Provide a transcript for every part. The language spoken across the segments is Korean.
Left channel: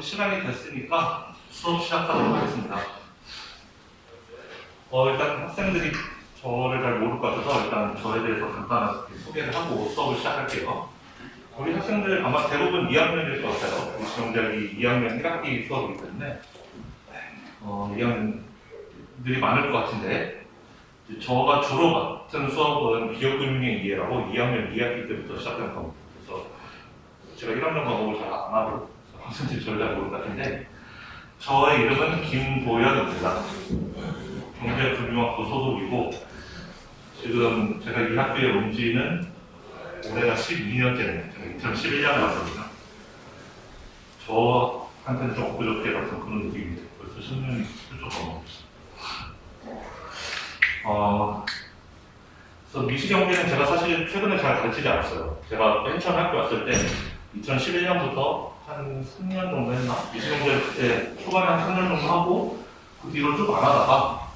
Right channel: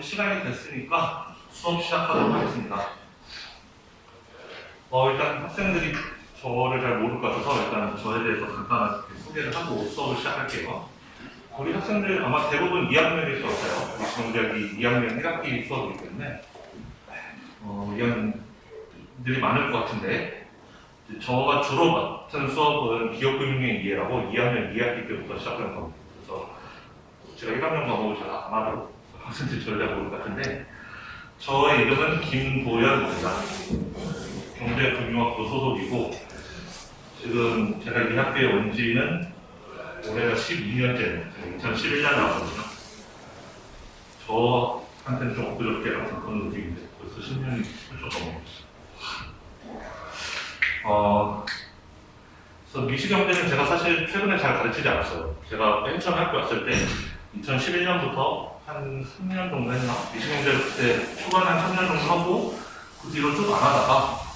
이제 시간이 됐으니까 수업 시작하도록 하겠습니다. 일단 학생들이 저를 잘 모를 것 같아서 일단 저에 대해서 간단하게 소개를 하고 수업을 시작할게요. 우리 학생들 아마 대부분 2학년일 거예요. 미시경제학이 2학년 1학기 수업이기 때문에 2학년들이 많을 것 같은데, 저가 주로 맡은 수업은 기업금융의 이해라고 2학년 2학기 때부터 시작하는 과목. 그래서 제가 1학년 과목을 잘 안 하고 학생들이 저를 잘 모를 것 같은데, 저의 이름은 김도현입니다. 경제금융학부 소속이고, 지금 제가 이 학교에 온 지는 올해가 12년째네요. 제가 2011년에 왔거든요. 저한테는 좀 엊그저께 같은 그런 느낌인데 벌써 10년이 훌쩍 넘어갔어요. 그래서 미시경제는 제가 사실 최근에 잘 가르치지 않았어요. 제가 맨 처음 학교 왔을 때 2011년부터 한 3년 정도 했나? 미시경제를 그때 초반에 한 3년 정도 하고 그 뒤로 쭉 안 하다가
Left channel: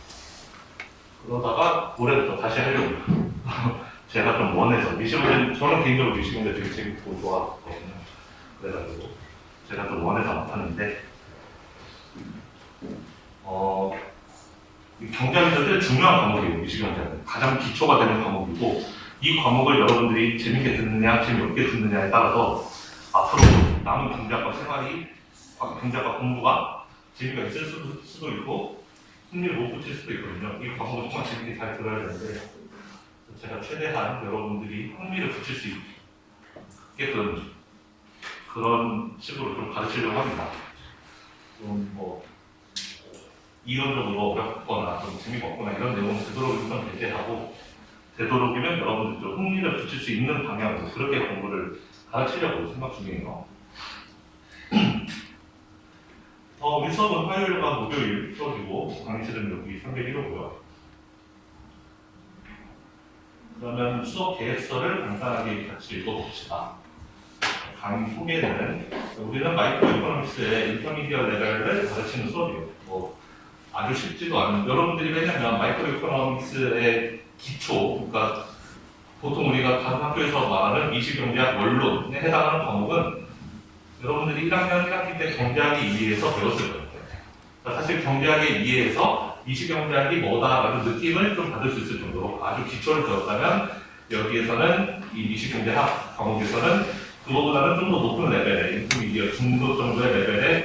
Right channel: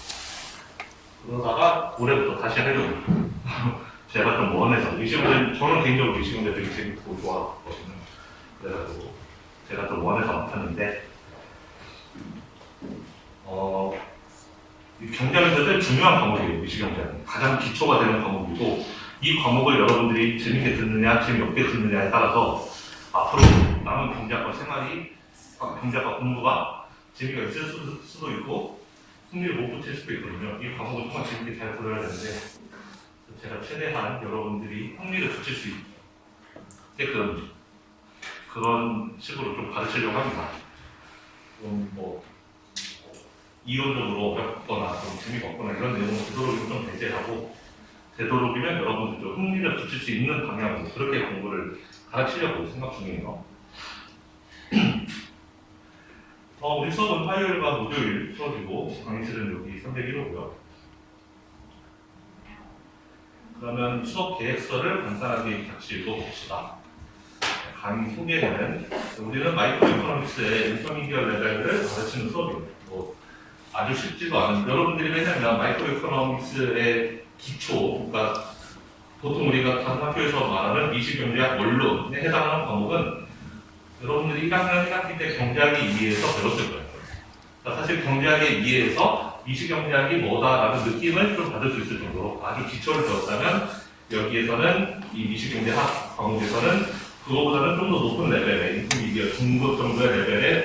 그러다가 올해부터 다시 하려고 제가 좀 원해서 미시경제, 저는 개인적으로 미시경제 되게 재밌고 좋아하거든요. 그래가지고 제가 좀 원해서 안 탔는데 경제학에서 제일 중요한 과목이에요. 미시경제는 가장 기초가 되는 과목이고, 이 과목을 여러분들이 재밌게 듣느냐 재미없게 듣느냐에 따라서 앞으로 남은 경제학과 생활이, 경제학과 공부가 재미가 있을 수도 있고 흥미를 못 붙일 수도 있거든요. 이 과목을 정말 재밌게 잘 들어야 되는데, 제가 최대한 여러분들이 흥미를 붙일 수 있게끔 그런 식으로 좀 가르치려고 합니다. 이론적으로 어렵거나 좀 재미가 없거나 이런 내용을 되도록이면 좀 배제하고, 되도록이면 여러분들 좀 흥미를 붙일 수 있는 방향으로 그렇게 공부를 가르치려고 생각 중이에요. 우리 수업은 화요일과 목요일 수업이고, 강의실은 여기 301호고요. 그러면 수업 계획서를 간단하게 같이 읽어봅시다. 강의 소개는, 우리는 마이크로 이코노믹스의 인터미디어 레벨을 가르치는 수업이에요. 아주 쉽지도 않은, 여러분들이 왜냐면 마이크로 이코노믹스의 기초, 그러니까 보통 우리가 다른 학교에서 말하는 미시경제학 원론에 해당하는 과목은 여러분들이 1학년 1학기 때 경제학의 이해에서 배웠을 거예요. 그러니까 사실 경제학의 이해에서 미시경제학이 뭐다라는 느낌을 좀 받을 수 있을 정도로 아주 기초를 배웠다면, 여기에서는 이 미시경제학 과목에서는 그거보다는 좀 더 높은 레벨의 인터미디어 중급 정도의 레벨의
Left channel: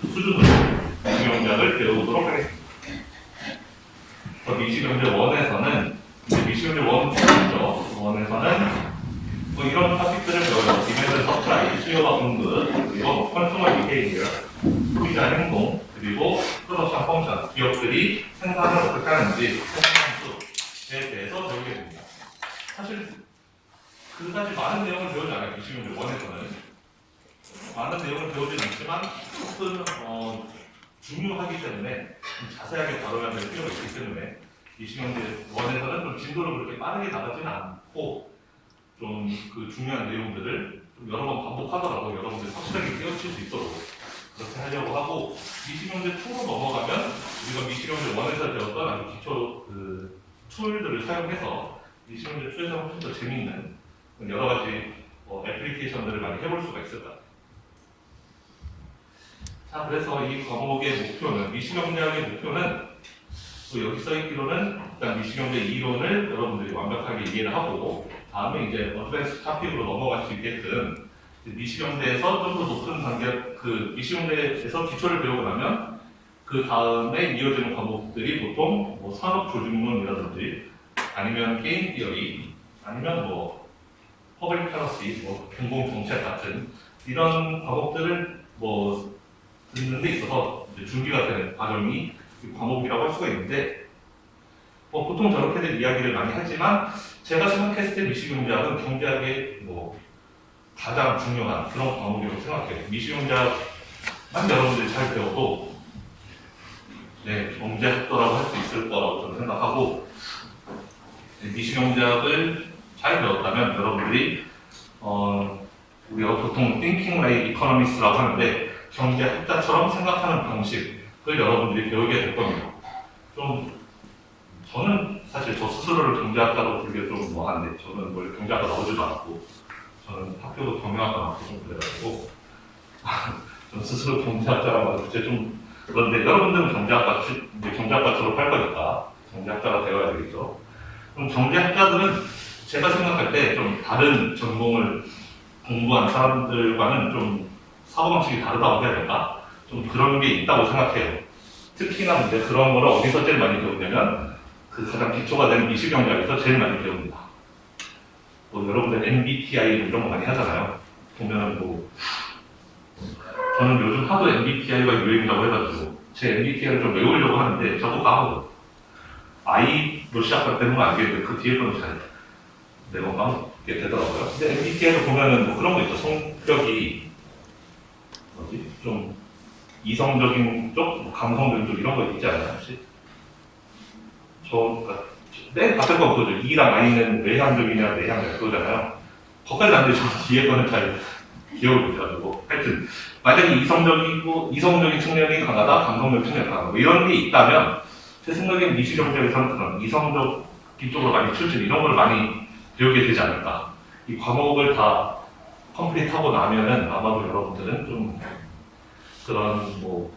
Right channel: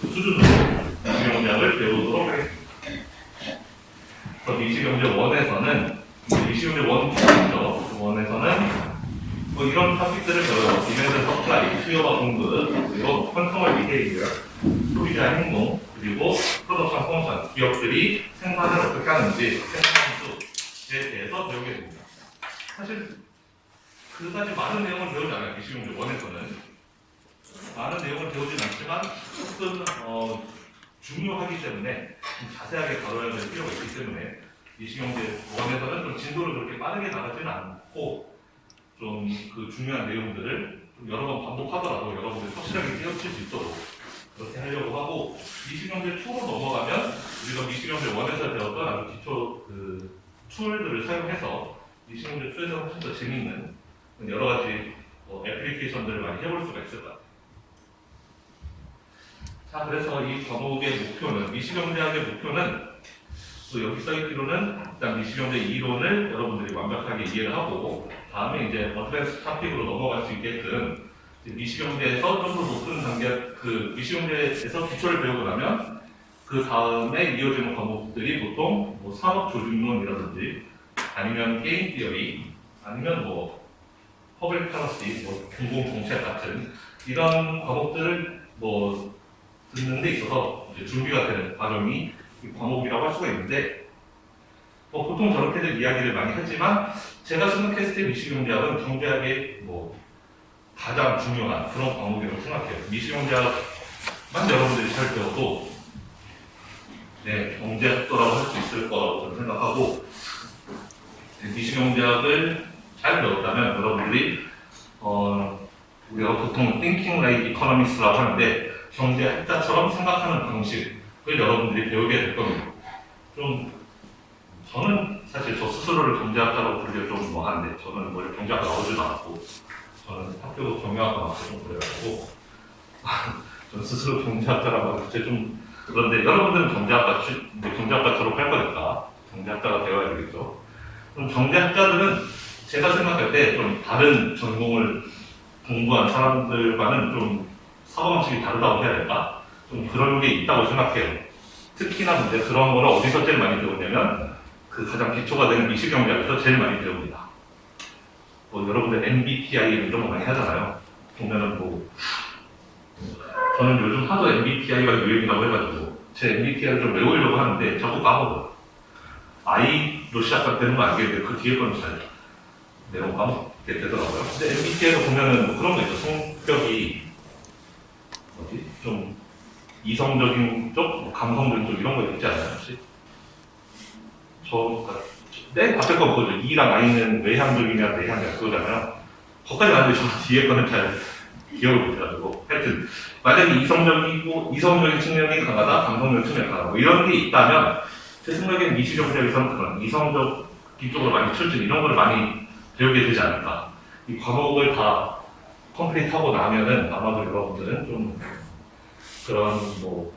그 수준으로 미시경제학을 배우도록 하겠습니다. 미시경제 1에서는 미시경제 1죠. 1에서는 이런 토픽들을 배워요. 디맨드 서플라이, 수요와 공급, 그리고 컨슈머 비헤이비어, 소비자 행동, 그리고 프로덕션 펑션, 기업들이 생산을 어떻게 하는지 생산수에 대해서 배우게 됩니다. 사실 그다지 많은 내용을 배우지 않아요. 미시경제 1에서는 많은 내용을 배우진 않지만 조금 중요하기 때문에 좀 자세하게 다뤄야 될 필요가 있기 때문에 미시경제 1에서는 좀 진도를 그렇게 빠르게 나가지는 않고 좀 그 중요한 내용들을 좀 여러 번 반복하더라도 여러분들이 확실하게 깨우칠 수 있도록 그렇게 하려고 하고, 미시경제 2로 넘어가면 우리가 미시경제 1에서 배웠던 아주 기초 그 툴들을 사용해서 미시경제 2에서 훨씬 더 재미있는 여러 가지 애플리케이션들을 많이 해볼 수가 있을 것 같아요. 자, 그래서 이 과목의 목표는, 미시경제학의 목표는 또 여기 써있기로는 일단 미시경제 이론을 여러분들이 완벽하게 이해를 하고, 다음에 이제 어드밴스 토픽으로 넘어갈 수 있게끔 미시경제에서 좀 더 높은 단계, 그 미시경제에서 기초를 배우고 나면 그 다음에 이어지는 과목들이 보통 산업조직론이라든지 아니면 게임 티어리, 아니면 퍼블릭 policy, 공공정책 같은 이런 과목들을 듣는 데 있어서 이제 준비가 되는 과정이 과목이라고 할 수가 있는데, 보통 저렇게들 이야기를 많이 하지만 제가 생각했을 때 미시경제학은 경제학의 가장 중요한 그런 과목이라고 생각해요. 미시경제학만 여러분들이 잘 배워도 경제학도라고 할 수 있을 거라고 저는 생각하고, 미시경제학을 잘 배웠다면 여러분들이 우리가 보통 thinking like economist라고 하는데 경제학자처럼 생각하는 방식을 여러분들이 배우게 될 겁니다. 저는 사실 저 스스로를 경제학자라고 부르기가 좀 뭐한데, 저는 경제학과 나오지도 않았고, 저는 학교도 경영학과 나왔고 좀 그래가지고 저 스스로 경제학자라고 하는 좀 그런데 여러분들은 경제학과 졸업할 거니까 경제학자가 되어야 되겠죠. 그럼 경제학자들은 제가 생각할 때 좀 다른 전공을 공부한 사람들과는 좀 사고방식이 다르다고 해야 될까? 좀 그런 게 있다고 생각해요. 특히나 이제 그런 거를 어디서 제일 많이 배우냐면 그 가장 기초가 되는 미시경제학에서 제일 많이 배웁니다. 뭐 여러분들 MBTI 이런 거 많이 하잖아요. 보면은 뭐 저는 요즘 하도 MBTI가 유행이라고 해가지고 제 MBTI를 좀 외우려고 하는데 저도 까먹어요. I로 시작되는 건 알겠는데 그 뒤에 거는 잘 내가 까먹게 되더라고요. 근데 MBTI를 보면은 뭐 그런 거 있죠. 성격이 좀 이성적인 쪽, 뭐 감성적인 쪽 이런 거 있지 않나요 혹시? 맨 앞에 거 그거죠. E랑 I는 외향적이냐 내향이냐 그거잖아요. 거기까지 안 되죠. 뒤에 거는 잘 기억을 못해가지고 하여튼 만약에 이성적인 측면이 강하다, 감성적인 측면이 강하다 뭐 이런 게 있다면 제 생각에는 미시경제학에서는 그런 이성적 이쪽으로 많이 출신 이런 걸 많이 배우게 되지 않을까. 이 과목을 다 컴플리트하고 나면은 아마도 여러분들은 좀 그런 뭐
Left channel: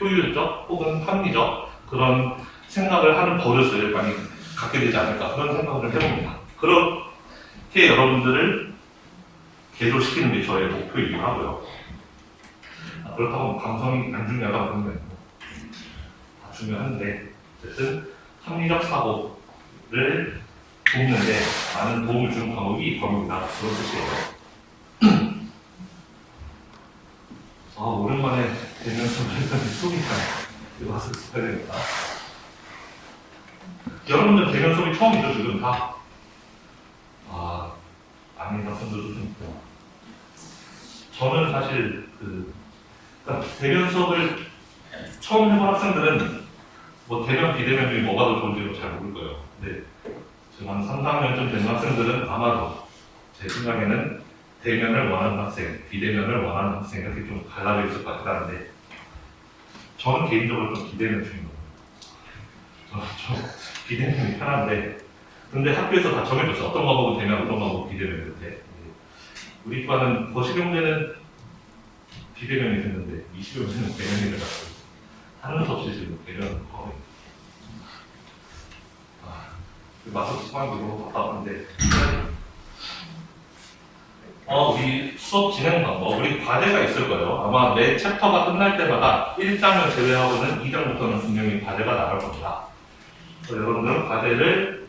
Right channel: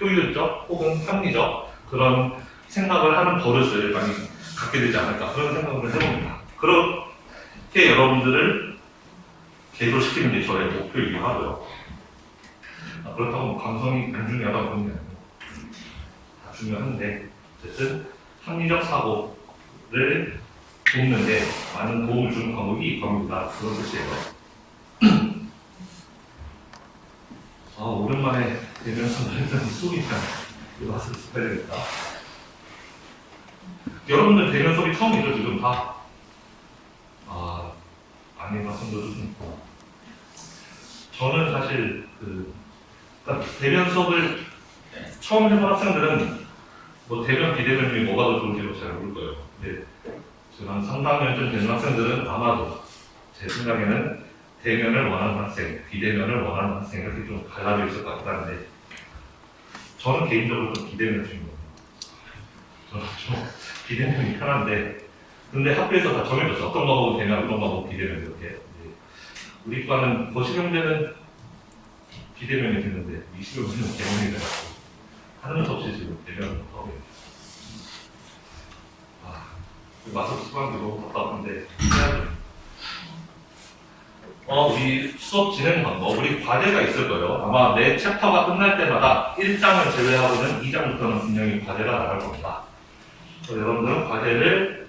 효율적 혹은 합리적 그런 생각을 하는 버릇을 많이 갖게 되지 않을까 그런 생각을 해봅니다. 그렇게 여러분들을 개조시키는 게 저의 목표이기도 하고요. 그렇다고 뭐 감성이 안 중요하다고 그러는 건 다 중요한데 어쨌든 합리적 사고를 돕는데 많은 도움을 주는 과목이 이 과목이다 그런 뜻이에요. 오랜만에 되면서 했더니 속이 잘 이거 와서 해야 되겠다. 여러분들 대면 수업이 처음이죠 지금 다? 아닌 학생들도 좀 있고. 저는 사실 그러니까 대면 수업을 처음 해본 학생들은 뭐 대면 비대면 중에 뭐가 더 좋은지도 잘 모를 거예요. 근데 지금 한 3, 4년쯤 된 학생들은 아마도 제 생각에는 대면을 원하는 학생, 비대면을 원하는 학생 이렇게 좀 갈라져 있을 것 같긴 한데 저는 개인적으로 좀 비대면 중입니다. 저는 좀 비대면이 편한데 근데 학교에서 다 정해줬어. 어떤 과목은 대면, 어떤 과목은 비대면 이렇게. 우리 과는 거시경제는 비대면이 됐는데 미시경제는 대면이 돼가지고 하는 수 없이 지금 대면 과목이 마스크 수강기로 답답한데 우리 수업 진행 방법, 우리 과제가 있을 거예요. 아마 매 챕터가 끝날 때마다 1장을 제외하고는 2장부터는 분명히 과제가 나올 겁니다. 여러분들은 과제를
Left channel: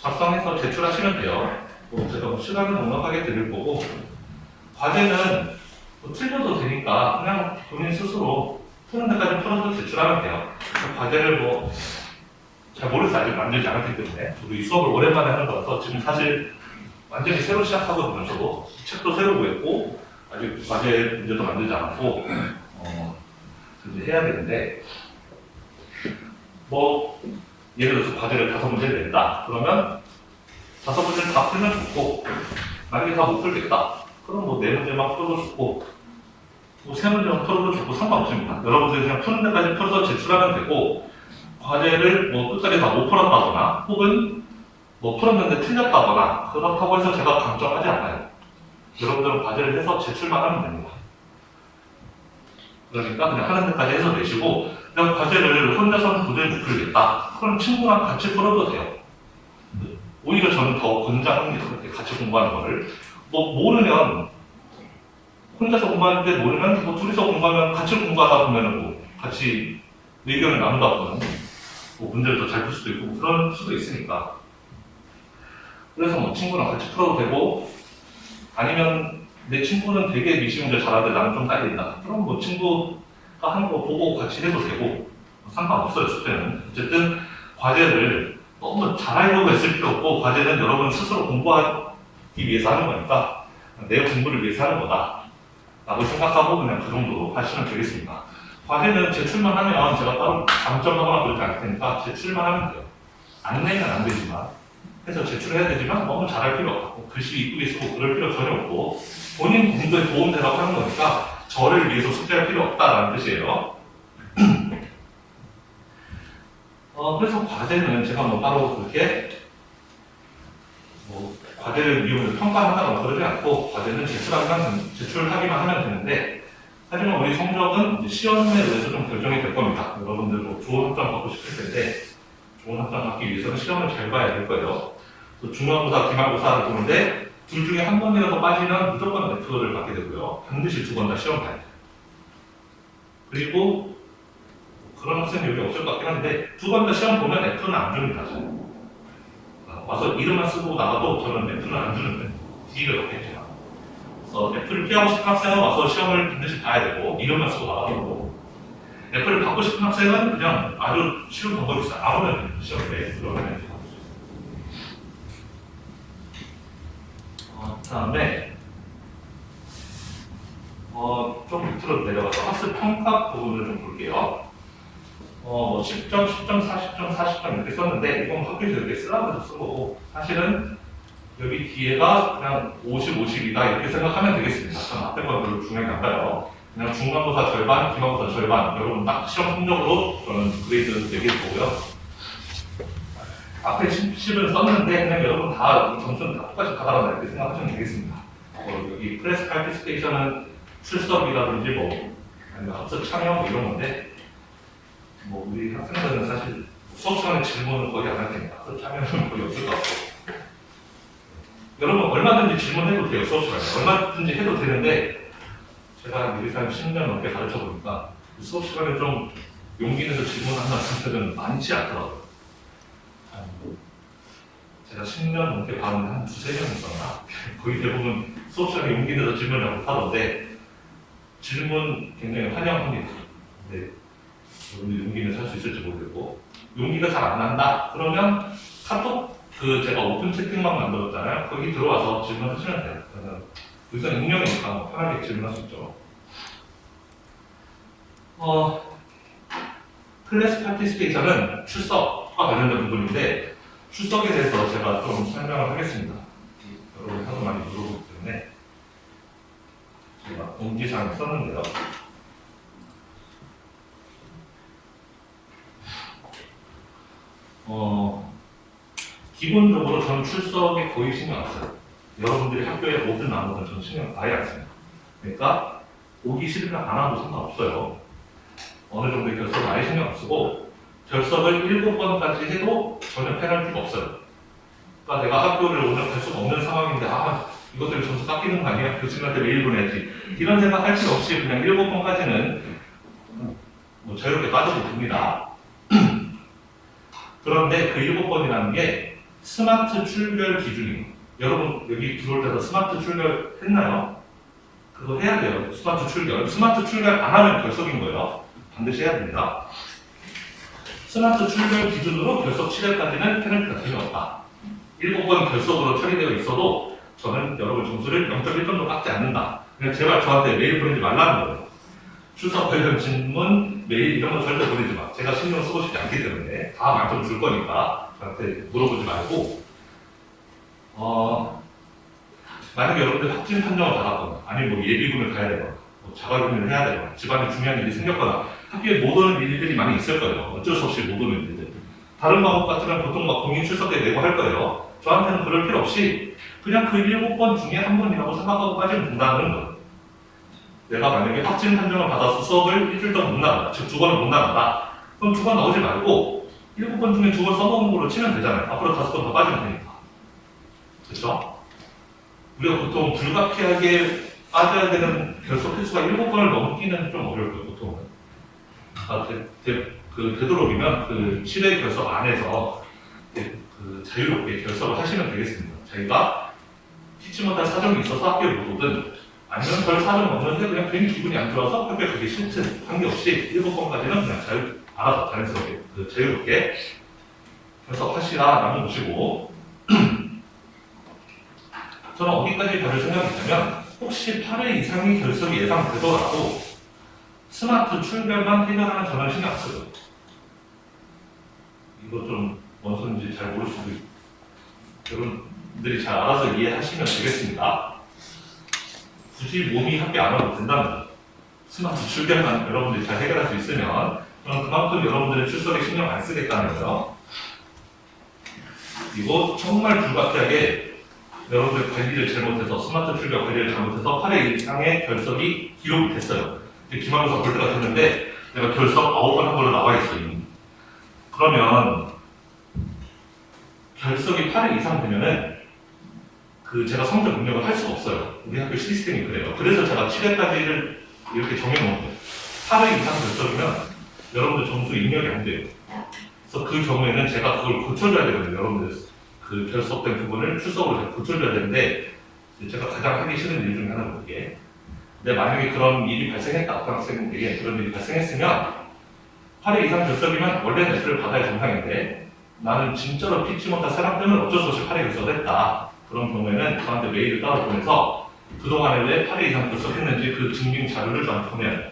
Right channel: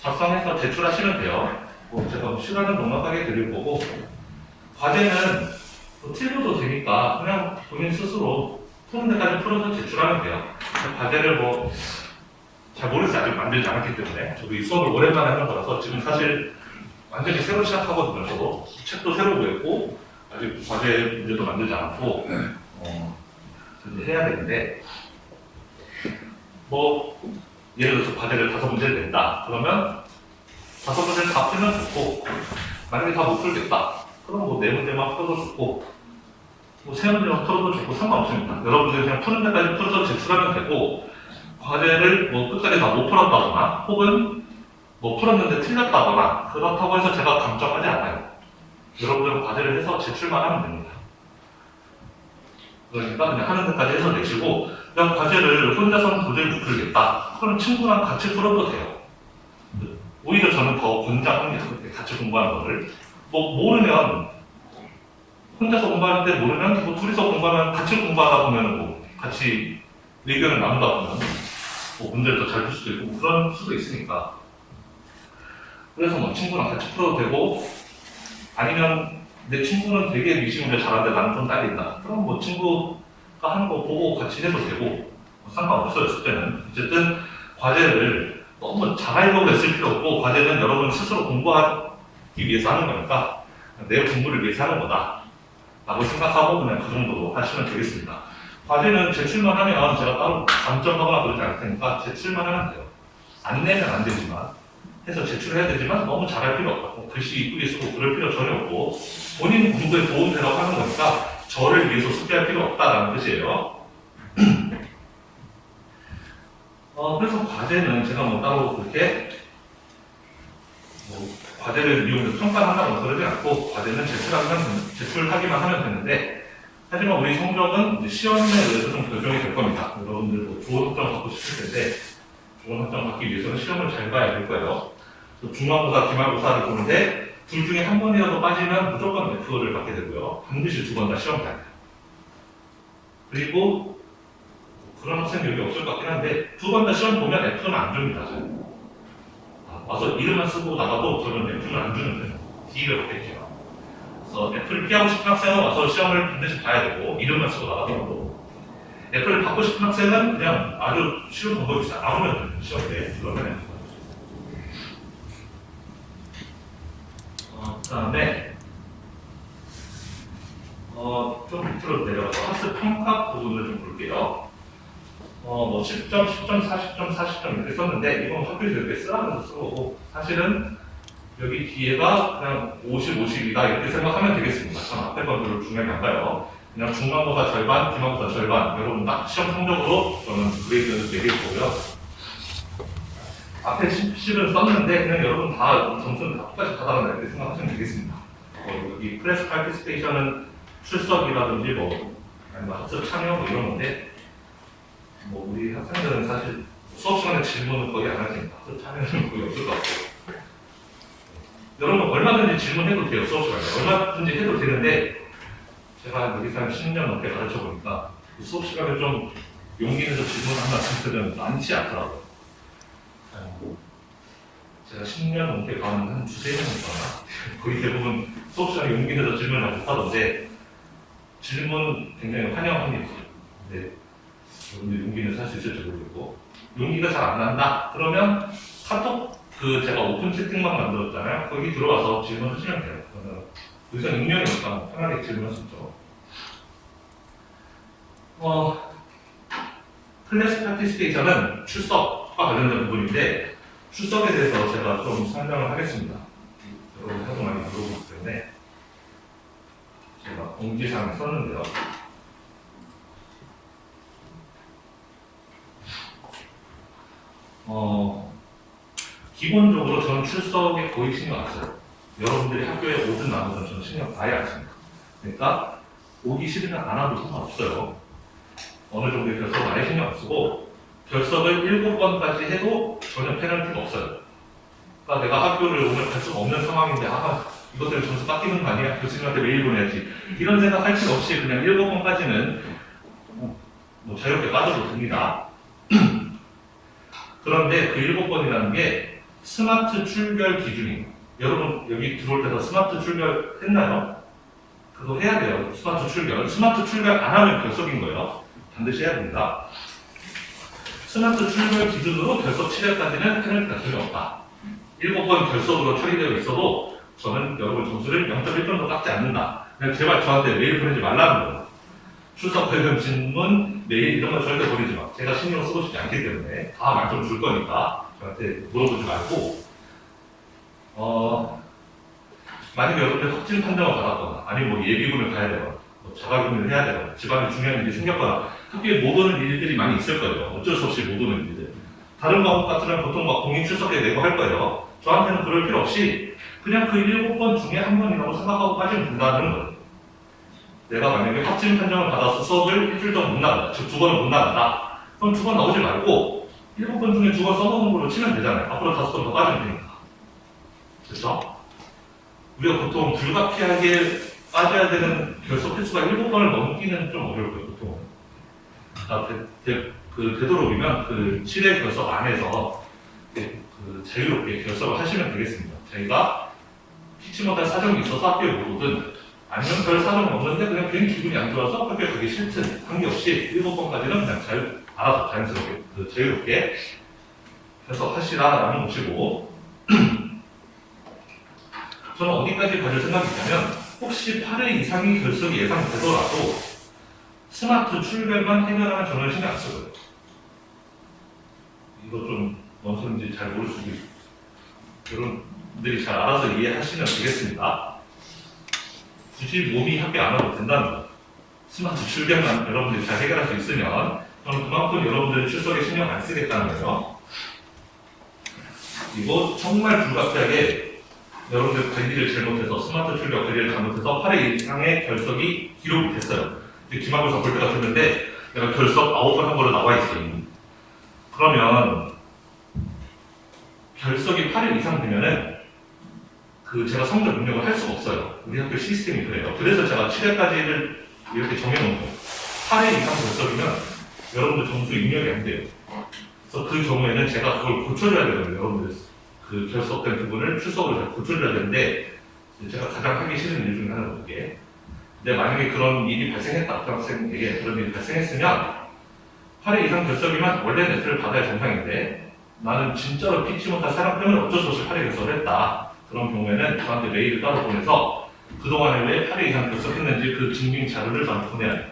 작성해서 제출하시면 돼요. 제가 시간을 넉넉하게 드릴 거고 과제는 틀려도 되니까 그냥 본인 스스로 푸는 데까지 풀어서 제출하면 돼요. 과제를 잘 모르겠어요. 아직 만들지 않았기 때문에 저도 이 수업을 오랜만에 하는 거라서 지금 사실 완전히 새로 시작하거든요. 저도 책도 새로 구했고 아직 과제 문제도 만들지 않았고 이제 해야 되는데 예를 들어서 과제를 5문제를 낸다. 그러면 5문제를 다 풀면 좋고 만약에 다 못 풀겠다. 그럼 4문제만 풀어도 좋고 3문제만 풀어도 좋고 상관없습니다. 여러분들 그냥 푸는 데까지 풀어서 제출하면 되고 과제를 끝까지 다 못 풀었다거나 혹은 풀었는데 틀렸다거나 그렇다고 해서 제가 강조하지 않아요. 여러분들은 과제를 해서 제출만 하면 됩니다. 그러니까 그냥 하는 데까지 해서 내시고 그냥 과제를 혼자서는 도저히 못 풀겠다. 그럼 친구랑 같이 풀어도 돼요. 오히려 저는 더 권장합니다. 같이 공부하는 거를. 모르면 혼자서 공부하는데 모르면 둘이서 공부하면 같이 공부하다 보면 같이 의견을 나누다 보면 문제를 더 잘 풀 수도 있고 그런 수도 있으니까. 그래서 친구랑 같이 풀어도 되고 아니면 내 친구는 되게 미시문제 잘하는데 나는 좀 딸린다. 그럼 친구가 하는 거 보고 같이 해도 되고 상관없어요. 숙제는. 어쨌든 과제를 너무 잘하려고 했을 필요 없고 과제는 여러분 스스로 공부하기 위해서 하는 거니까 내 공부를 위해서 하는 거다 라고 생각하고 그냥 그 정도로 하시면 되겠습니다. 과제는 제출만 하면 제가 따로 감점하거나 그러지 않을 테니까 제출만 하면 돼요. 안 내면 안 되지만 해서 제출해야 되지만 너무 잘할 필요 없고 글씨 이쁘게 쓰고 그럴 필요 전혀 없고 본인 공부에 도움되라고 하는 거니까 저를 위해서 숙제할 필요 없다라는 뜻이에요. 그래서 과제는 제가 따로 그렇게 과제를 이용해서 평가를 한다거나 그러지 않고 과제는 제출하기만 하면 되는데 하지만 우리 성적은 이제 시험에 의해서 좀 결정이 될 겁니다. 여러분들도 좋은 학점 받고 싶을 텐데 좋은 학점 받기 위해서는 시험을 잘 봐야 될 거예요. 또 중간고사, 기말고사를 보는데 둘 중에 한 번이라도 빠지면 무조건 F를 받게 되고요. 반드시 두 번 다 시험 봐야 돼요. 그리고 그런 학생 여기 없을 것 같긴 한데 두 번 다 시험 보면 F는 안 줍니다. 저는. 와서 이름만 쓰고 나가도 저는 F는 안 주는데 D를 받겠죠. 그래서 F를 피하고 싶은 학생은 와서 시험을 반드시 봐야 되고 이름만 쓰고 나가도 되고 F를 받고 싶은 학생은 그냥 아주 쉬운 방법이 있어요. 안 오면 돼요. 시험에 들어가면 F 받을 수 있어요. 그 다음에 좀 밑으로 내려가서 학습 평가 부분을 좀 볼게요. 뭐 10점, 10점, 40점, 40점 이렇게 썼는데 이건 학교에서 이렇게 쓰라고 쓰고 사실은 여기 뒤에가 그냥 50, 50이다 이렇게 생각하면 되겠습니다. 전 앞에 건 별로 중요하게 안 봐요. 그냥 중간고사 절반, 기말고사 절반 여러분 딱 시험 성적으로 저는 그레이드를 매길 거고요. 앞에 10을 썼는데 그냥 여러분 다 점수는 다 똑같이 가다가 이렇게 생각하시면 되겠습니다. 여기 클래스 파티스페이션은 출석이라든지 뭐 아니면 학습 참여 뭐 이런 건데 뭐 우리 학생들은 사실 수업 시간에 질문은 거의 안 할 테니까 학습 참여는 거의 없을 것 같고 여러분 얼마든지 질문해도 돼요. 수업 시간에 얼마든지 해도 되는데 제가 여기서 한 10년 넘게 가르쳐 보니까 수업 시간에 좀 용기 내서 질문하는 학생들은 많지 않더라고요. 제가 10년 넘게 봐는 한 두세 명 있었나? 거의 대부분 수업 시간에 용기 내서 질문을 못하던데 질문 굉장히 환영합니다. 근데 여러분들 용기는 살 수 있을지 모르겠고 용기가 잘 안 난다? 그러면 카톡 제가 오픈 채팅방 만들었잖아요. 거기 들어와서 질문하시면 돼요. 저는 의사 능력이니까 편하게 질문할 수 있죠. 클래스 파티스페이션은 출석과 관련된 부분인데 출석에 대해서 제가 좀 설명을 하겠습니다. 여러분 하도 많이 물어보기 때문에 제가 공지사항에 썼는데요. 기본적으로 저는 출석에 거의 신경 안 써요. 여러분들이 학교에 오든 안 오든 저는 신경 아예 안 씁니다. 그러니까 오기 싫으면 안 와도 상관없어요. 어느 정도의 결석은 아예 신경 안 쓰고 결석을 7번까지 해도 전혀 페널티가 없어요. 그러니까 내가 학교를 오늘 갈 수가 없는 상황인데 이것 때문에 점수 깎이는 거 아니야? 교수님한테 메일 보내야지. 이런 생각 할 필요 없이 그냥 7번까지는 뭐 자유롭게 빠져도 됩니다. 그런데 그 7번이라는 게 스마트 출결 기준이 여러분 여기 들어올 때도 스마트 출결 했나요? 그거 해야 돼요. 스마트 출결. 스마트 출결 안 하면 결석인 거예요. 반드시 해야 됩니다. 스마트 출결 기준으로 결석 7회까지는 페널티가 전혀 없다. 7번 결석으로 처리되어 있어도 저는 여러분 점수를 0.1점도 깎지 않는다. 그냥 제발 저한테 메일 보내지 말라는 거예요. 출석 관련 질문, 메일 이런 거 절대 보내지 마. 제가 신경 쓰고 싶지 않기 때문에 다 만점 줄 거니까 저한테 물어보지 말고 만약에 여러분들 확진 판정을 받았거나 아니면 뭐 예비군을 가야 되거나 뭐 자가격리를 해야 되거나 집안에 중요한 일이 생겼거나 학교에 못 오는 일들이 많이 있을 거예요. 어쩔 수 없이 못 오는 일들. 다른 과목 같으면 보통 막 공인 출석에 내고 할 거예요. 저한테는 그럴 필요 없이 그냥 그 7번 중에 한 번이라고 생각하고 빠지면 된다는 거예요. 내가 만약에 확진 판정을 받아서 수업을 일주일 동안 못 나간다. 즉 2번을 못 나간다. 그럼 2번 나오지 말고 7번 중에 2번 써먹은 걸로 치면 되잖아요. 앞으로 5번 더 빠지면 되니까. 그렇죠? 우리가 보통 불가피하게 빠져야 되는 결석 횟수가 7번을 넘기는 좀 어려울 거예요. 보통은. 되도록이면 그 7회 결석 안에서 자유롭게 결석을 하시면 되겠습니다. 저희가 피치 못할 사정이 있어서 학교에 못 오든 아니면 별 사정은 없는데 그냥 괜히 기분이 안 좋아서 학교에 가기 싫든 관계없이 7번까지는 그냥 알아서 자연스럽게 자유롭게 결석하시라라는 것이고 저는 어디까지 가질 생각이 있냐면 혹시 8회 이상의 결석이 예상되더라도 스마트 출결만 해결하는 저는 신경 안 써요. 이거 좀 뭔 소리인지 잘 모를 수도 있고 여러분들이 잘 알아서 이해하시면 되겠습니다. 굳이 몸이 학교 안 와도 된다는 거예요. 스마트 출결만 여러분들이 잘 해결할 수 있으면 그럼 그만큼 여러분들이 출석에 신경 안 쓰겠다는 거예요. 그리고 정말 불가피하게 여러분들 관리를 잘못해서 스마트 출결 관리를 잘못해서 8회 이상의 결석이 기록이 됐어요. 기말고사 볼 때가 됐는데 내가 결석 9번 한 걸로 나와 있어 이미. 그러면 결석이 8회 이상 되면은 제가 성적 능력을 할 수가 없어요. 우리 학교 시스템이 그래요. 그래서 제가 7회까지를 이렇게 정해놓은 거예요. 8회 이상 결석이면 여러분들 점수 입력이 안 돼요. 그래서 그 경우에는 제가 그걸 고쳐줘야 되거든요. 여러분들 그 결석된 부분을 출석으로 제가 고쳐줘야 되는데 제가 가장 하기 싫은 일 중에 하나는 그게. 근데 만약에 그런 일이 발생했다, 어떤 학생에게 그런 일이 발생했으면 8회 이상 결석이면 원래 레슨을 받아야 정상인데 나는 진짜로 피치 못한 사람 때문에 어쩔 수 없이 8회 결석을 했다. 그런 경우에는 저한테 메일을 따로 보내서 그동안에 왜 8회 이상 결석했는지 그 증빙 자료를 저한테 보내야 돼요.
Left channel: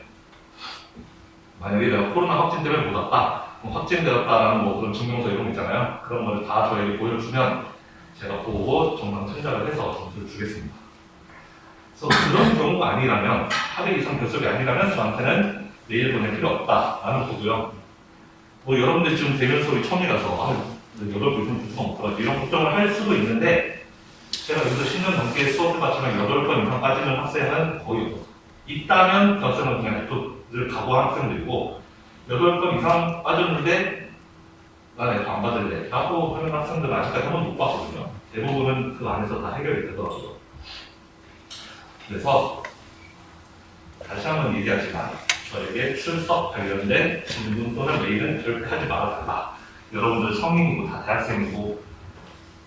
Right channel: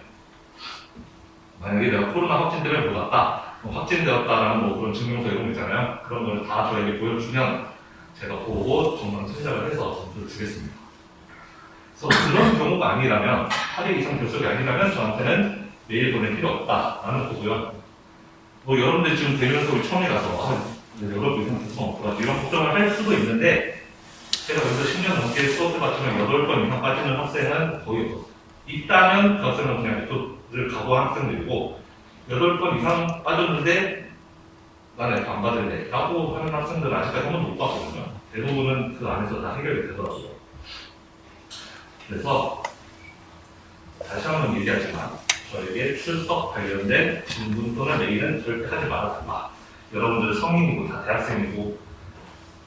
만약에 내가 코로나 확진 때문에 못 왔다, 확진되었다라는 뭐 그런 증명서 이런 거 있잖아요. 그런 걸 다 저에게 보여주면 제가 보고 정상 선정을 해서 점수를 주겠습니다. 그래서 그런 경우가 아니라면 8회 이상 결석이 아니라면 저한테는 메일 보낼 필요 없다라는 거고요. 뭐 여러분들 지금 대면서 우리 처음이라서 여러분 이상 결석 없더라 이런 걱정을 할 수도 있는데 제가 여기서 10년 넘게 수업을 받지만 8번 이상 빠지는 학생은 거의 없어요. 있다면 그 학생은 그냥 F를 각오한 학생들이고 8번 이상 빠졌는데 난 F 안 받을래 라고 하는 학생들은 아직까지 한 번도 못 봤거든요. 대부분은 그 안에서 다 해결이 되더라고요. 그래서 다시 한번 얘기하지만 저에게 출석 관련된 질문 또는 메일은 절대 하지 말아달라. 여러분들 성인이고 다 대학생이고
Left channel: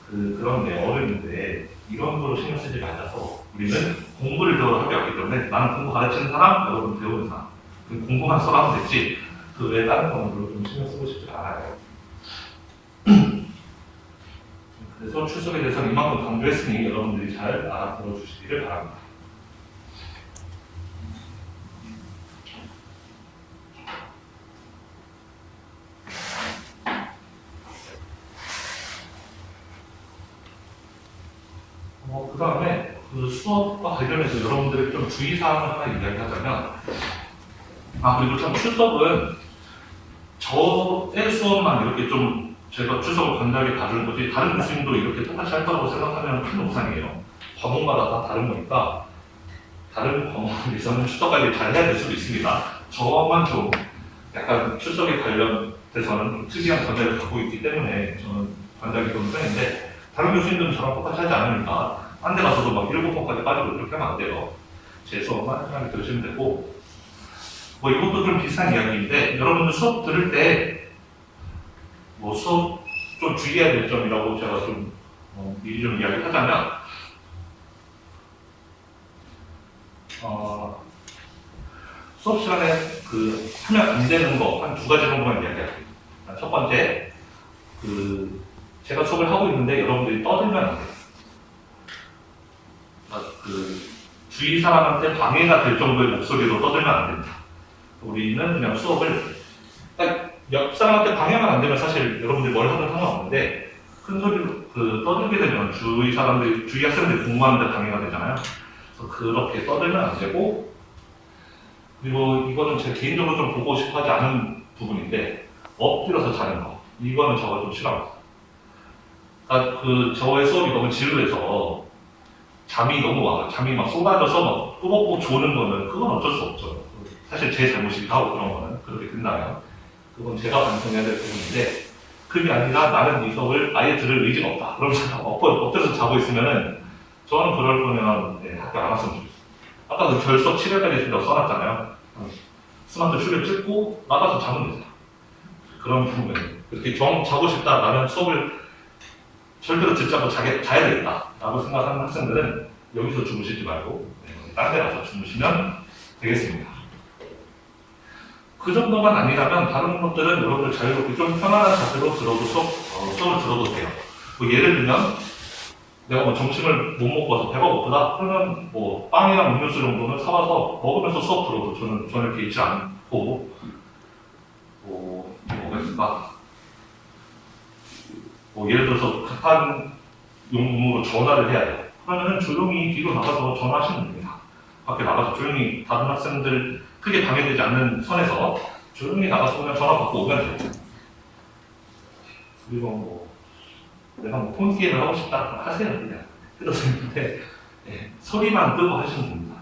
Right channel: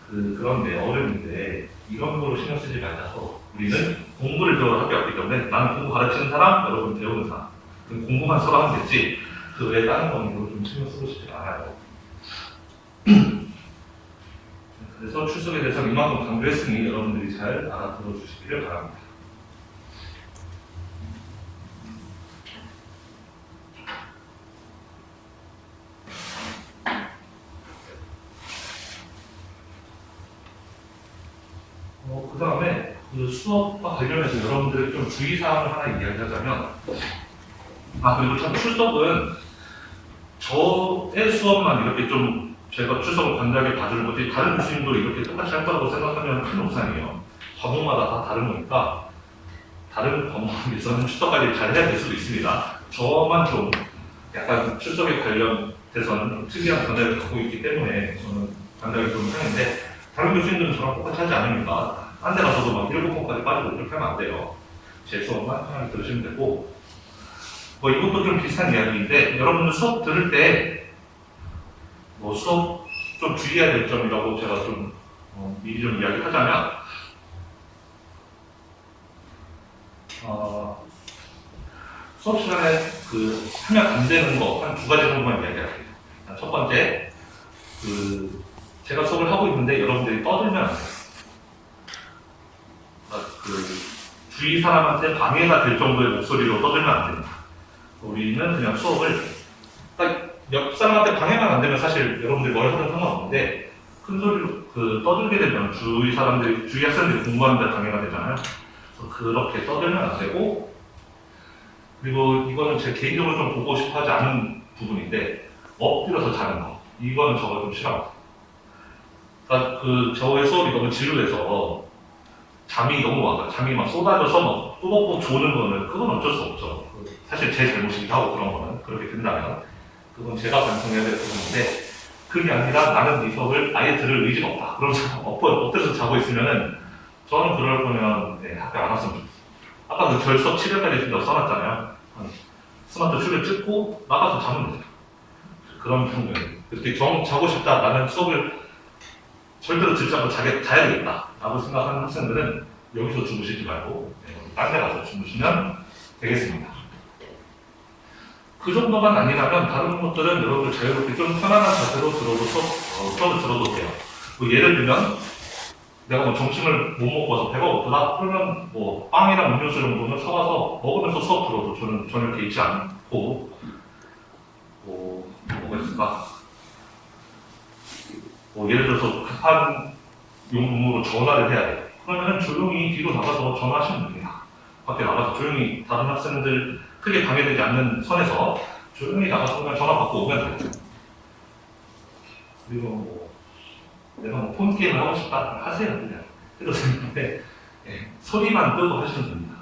그런데 어른인데 이런 거로 신경 쓰지 말자서 우리는 공부를 배우러 학교 왔기 때문에 나는 공부 가르치는 사람, 여러분 배우는 사람 공부만 서로 하면 됐지 그 외에 다른 거는 좀 신경 쓰고 싶지 않아요. 그래서 출석에 대해서는 이만큼 강조했으니 여러분들이 잘 알아들어 주시기를 바랍니다. 그 다음에 그 수업과 관련해서 여러분들의 좀 주의사항을 하나 이야기하자면 그리고 참 출석은 저의 수업만 이렇게 좀 제가 출석을 관대하게 봐주는 거지 다른 교수님도 이렇게 똑같이 할 거라고 생각하면 큰 오산이에요. 과목마다 다 다른 거니까 다른 과목에서는 출석 관리 잘 해야 될 수도 있습니다. 저만 좀 약간 출석에 관련돼서는 좀 특이한 견해를 갖고 있기 때문에 저는 관대하게 보는 편인데 다른 교수님들은 저랑 똑같이 하지 않으니까 딴 데 가서도 막 7번까지 빠지고 이렇게 하면 안 돼요. 제 수업만 편하게 들으시면 되고 뭐 이것도 좀 비슷한 이야기인데 여러분들 수업 들을 때 뭐 수업 좀 주의해야 될 점이라고 제가 좀 미리 좀 이야기를 하자면 수업 시간에 하면 안 되는 거 한 2가지 정도만 이야기할게요. 첫 번째 제가 수업을 하고 있는데 여러분들이 떠들면 안 돼요. 주위 사람한테 방해가 될 정도의 목소리로 떠들면 안 됩니다. 우리는 그냥 수업을 옆 사람한테 방해만 안 되면 사실 여러분들이 뭘 하든 상관없는데 큰 소리로 떠들게 되면 주위 학생들이 공부하는데 방해가 되잖아요. 그래서 그렇게 떠들면 안 되고 그리고 이거는 제 개인적으로 좀 보고 싶어 하지 않은 부분인데 엎드려서 자는 거 이거는 저가 좀 싫어합니다. 그러니까 저의 수업이 너무 지루해서 잠이 너무 와요. 잠이 막 쏟아져서 막 꾸벅꾸벅 조는 거는 그건 어쩔 수 없죠. 사실 제 잘못이기도 하고 그런 거는 그렇게 된다면 그건 제가 반성해야 될 부분인데 그게 아니라 나는 이 수업을 아예 들을 의지가 없다. 그러면서 엎드려서 자고 있으면은 저는 그럴 거면 학교 안 왔으면 좋겠어요. 아까 결석 7회까지 준다고 써놨잖아요. 스마트 슈를 찍고 나가서 자면 되죠. 그런 경우에 그렇게 자고 싶다 나는 수업을 절대로 듣지 않고 자야 되겠다 라고 생각하는 학생들은 여기서 주무시지 말고 딴 데 가서 주무시면 되겠습니다. 그 정도만 아니라면 다른 것들은 여러분들 자유롭게 좀 편안한 자세로 들어도 수업을 들어도 돼요. 예를 들면 내가 뭐 점심을 못 먹어서 배가 고프다 그러면 뭐 빵이랑 음료수 정도는 사와서 먹으면서 수업 들어도 저는 전혀 개의치 않고 뭐가 있을까? 예를 들어서 급한 용무로 전화를 해야 돼요. 그러면 조용히 뒤로 나가서 전화하시면 됩니다. 밖에 나가서 조용히 다른 학생들 크게 방해되지 않는 선에서 조용히 나가서 그냥 전화 받고 오면 돼요. 그리고 내가 폰게임을 하고 싶다 하세요. 그냥 해도 되는데 소리만 끄고 하시면 됩니다.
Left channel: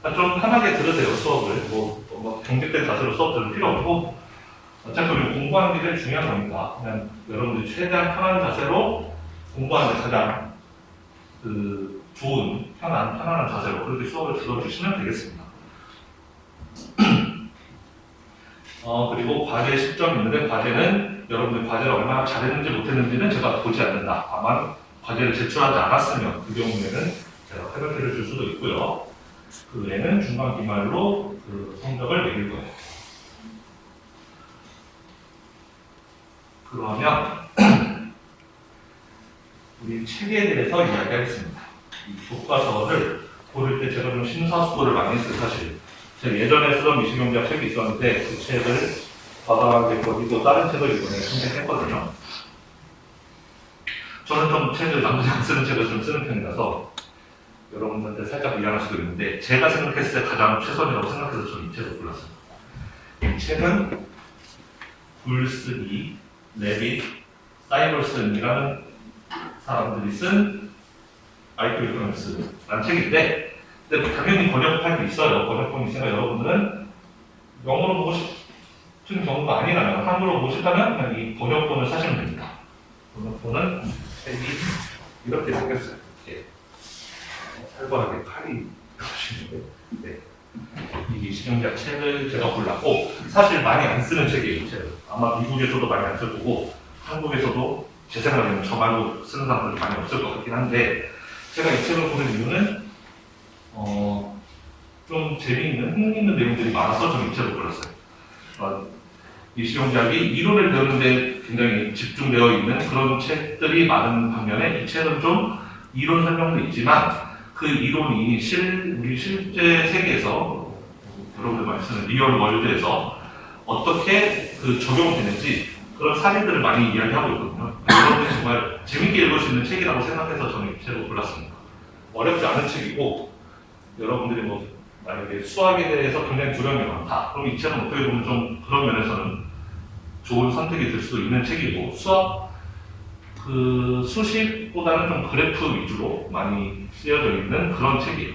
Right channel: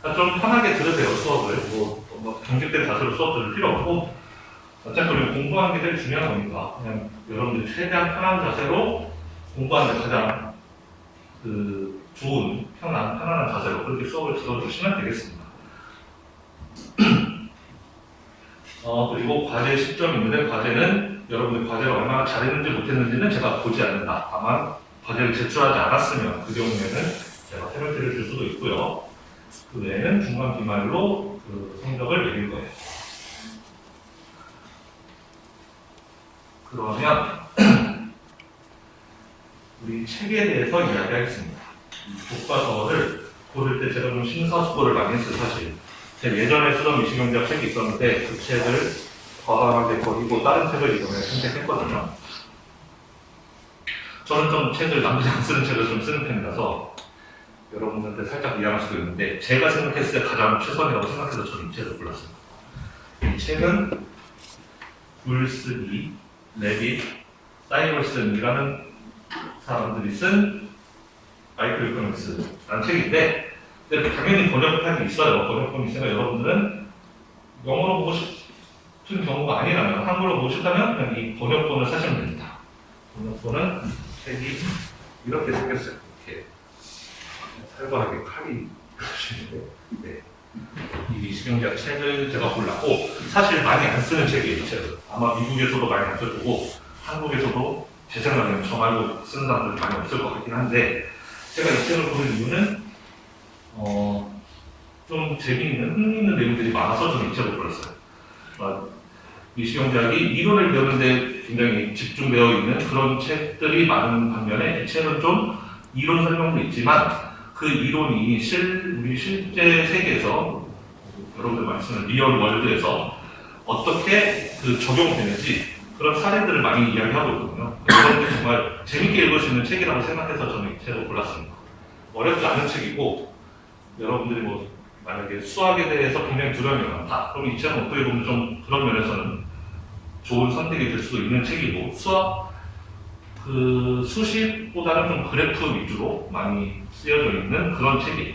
그러니까 좀 편하게 들으세요, 수업을. 뭐 경직된 자세로 수업 들을 필요 없고, 어차피 우리 공부하는 게 제일 중요한 거니까, 그냥 여러분들이 최대한 편한 자세로 공부하는 데 가장 좋은, 편안한 자세로 그렇게 수업을 들어주시면 되겠습니다. 그리고 과제 시점이 있는데, 과제는 여러분들 과제를 얼마나 잘했는지 못했는지는 제가 보지 않는다. 다만 과제를 제출하지 않았으면 그 경우에는 제가 페널티를 줄 수도 있고요. 그 외에는 중간 기말로 그 성적을 매길 거예요. 그러면 우리 책에 대해서 이야기하겠습니다. 이 교과서를 고를 때 제가 좀 심사숙고를 많이 했어요, 사실. 제가 예전에 쓰던 미시경제학 책이 있었는데 그 책을 과감하게 버리고 다른 책을 이번에 선택했거든요. 저는 좀 책을 남들이 안 쓰는 책을 좀 쓰는 편이라서 여러분들한테 살짝 미안할 수도 있는데 제가 생각했을 때 가장 최선이라고 생각해서 저는 이 책을 골랐습니다. 이 책은 불스기, 레빗, 사이버슨이라는 사람들이 쓴 마이크로 이코노믹스라는 책인데, 근데 당연히 번역판이 있어요. 번역본이 있으니까 여러분들은 영어로 보고 싶은 경우가 아니라면, 한국어로 보고 싶다면 그냥 이 번역본을 사시면 됩니다. 번역본은 책이 이렇게 생겼어요. 이렇게 살벌하게 칼이 보시는데, 네. 이 미시경제학 책을 제가 골랐고, 사실 많이 안 쓰는 책이에요, 이 책은. 아마 미국에서도 많이 안 써주고 한국에서도 제 생각에는 저 말고 쓰는 사람들이 많이 없을 것 같긴 한데, 제가 이 책을 보는 이유는 좀 재미있는, 흥미있는 내용들이 많아서 좀 이 책을 골랐어요. 미시경제학이 이론을 배우는데 굉장히 집중되어 있는 그런 책들이 많은 반면에 이 책은 좀 이론 설명도 있지만 그 이론이 우리 실제 세계에서 여러분들 많이 쓰는 리얼 월드에서 어떻게 적용되는지 그런 사례들을 많이 이야기하고 있거든요. 여러분들이 정말 재밌게 읽을 수 있는 책이라고 생각해서 저는 이 책을 골랐습니다. 어렵지 않은 책이고, 여러분들이 만약에 수학에 대해서 굉장히 두려움이 많다. 그럼 이 책은 어떻게 보면 좀 그런 면에서는 좋은 선택이 될 수도 있는 책이고, 수식보다는 좀 그래프 위주로 많이 쓰여져 있는 그런 책이에요.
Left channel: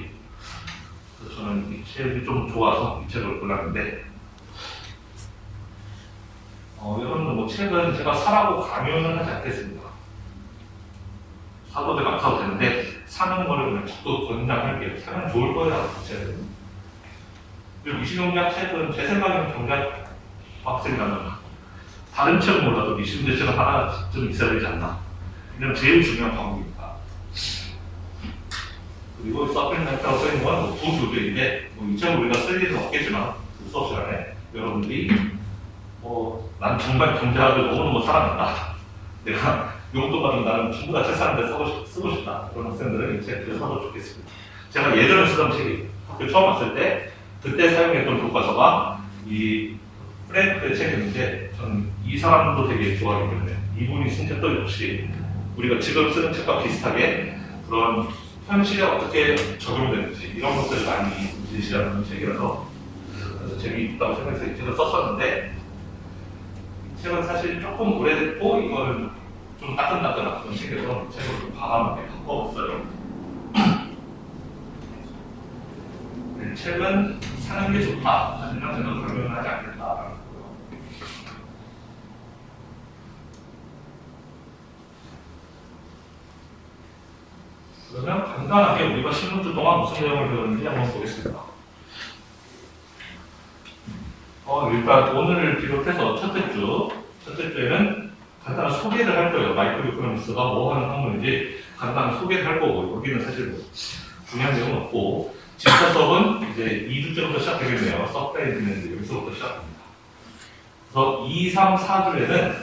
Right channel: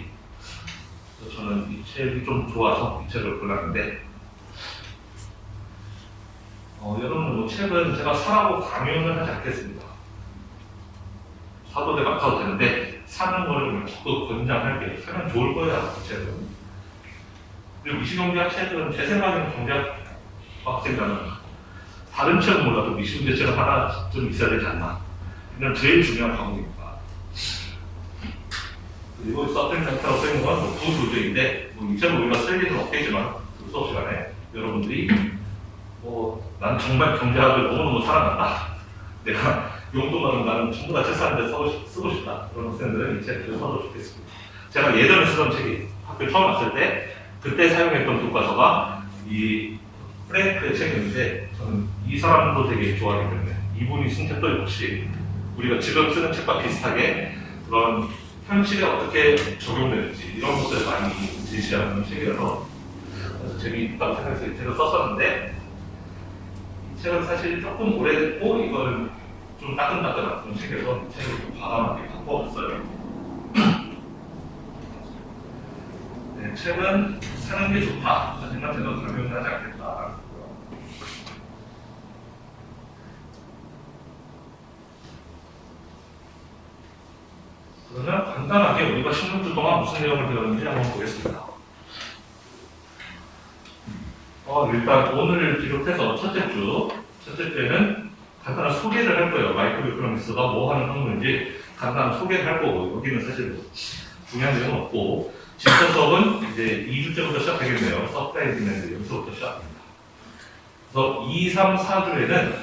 그래서 저는 이 책이 좀 좋아서 이 책을 골랐는데, 여러분 책은 제가 사라고 강요는 하지 않겠습니다. 사도 제가 안 사도 되는데 사는 거를 그냥 적극 권장할게요. 사면 좋을 거예요, 책은. 그리고 미시경제학 책은 제 생각에는 경제학 학생이라면 다른 책은 몰라도 미시경제 책은 하나쯤 있어야 되지 않나. 그냥 제일 중요한 과목입니다. 그리고 서플리멘트라고 써있는 건 구조제인데, 이 책을 우리가 쓸 일은 없겠지만 그 수업 시간에 여러분들이 난 정말 경제학을 너무너무 사랑한다. 내가 용돈 받은 나는 전부 다 책 사는데 쓰고 싶다. 그런 학생들은 이 책을 사도 좋겠습니다. 제가 예전에 쓰던 책이 학교 처음 왔을 때 그때 사용했던 교과서가 이 프랭크의 책인데, 저는 이 사람도 되게 좋아하기 때문에 이분이 쓴 책도 역시 우리가 지금 쓰는 책과 비슷하게 그런 현실에 어떻게 적용되는지 이런 것들을 많이 제시하는 책이라서 그래서 재미있다고 생각해서 이 책을 썼었는데, 이 책은 사실 조금 오래됐고 이거는 좀 따끈따끈한 그런 책이라서 책을 좀 과감하게 바꿔봤어요. 네, 책은 사는 게 좋다. 하지만 제가 강요는 하지 않겠다. 그러면 간단하게 우리가 16주 동안 무슨 내용을 배웠는지 한번 보겠습니다. 일단 오늘을 비롯해서 첫째 주에는 간단한 소개를 할 거예요. 마이크로 이코노믹스가 뭐 하는 학문인지 간단한 소개를 할 거고, 여기는 사실 중요한 내용은 없고, 진짜 수업은 이제 2주째부터 시작되겠네요. 서프라이 디맨드 여기서부터 시작합니다. 그래서 2, 3, 4주에는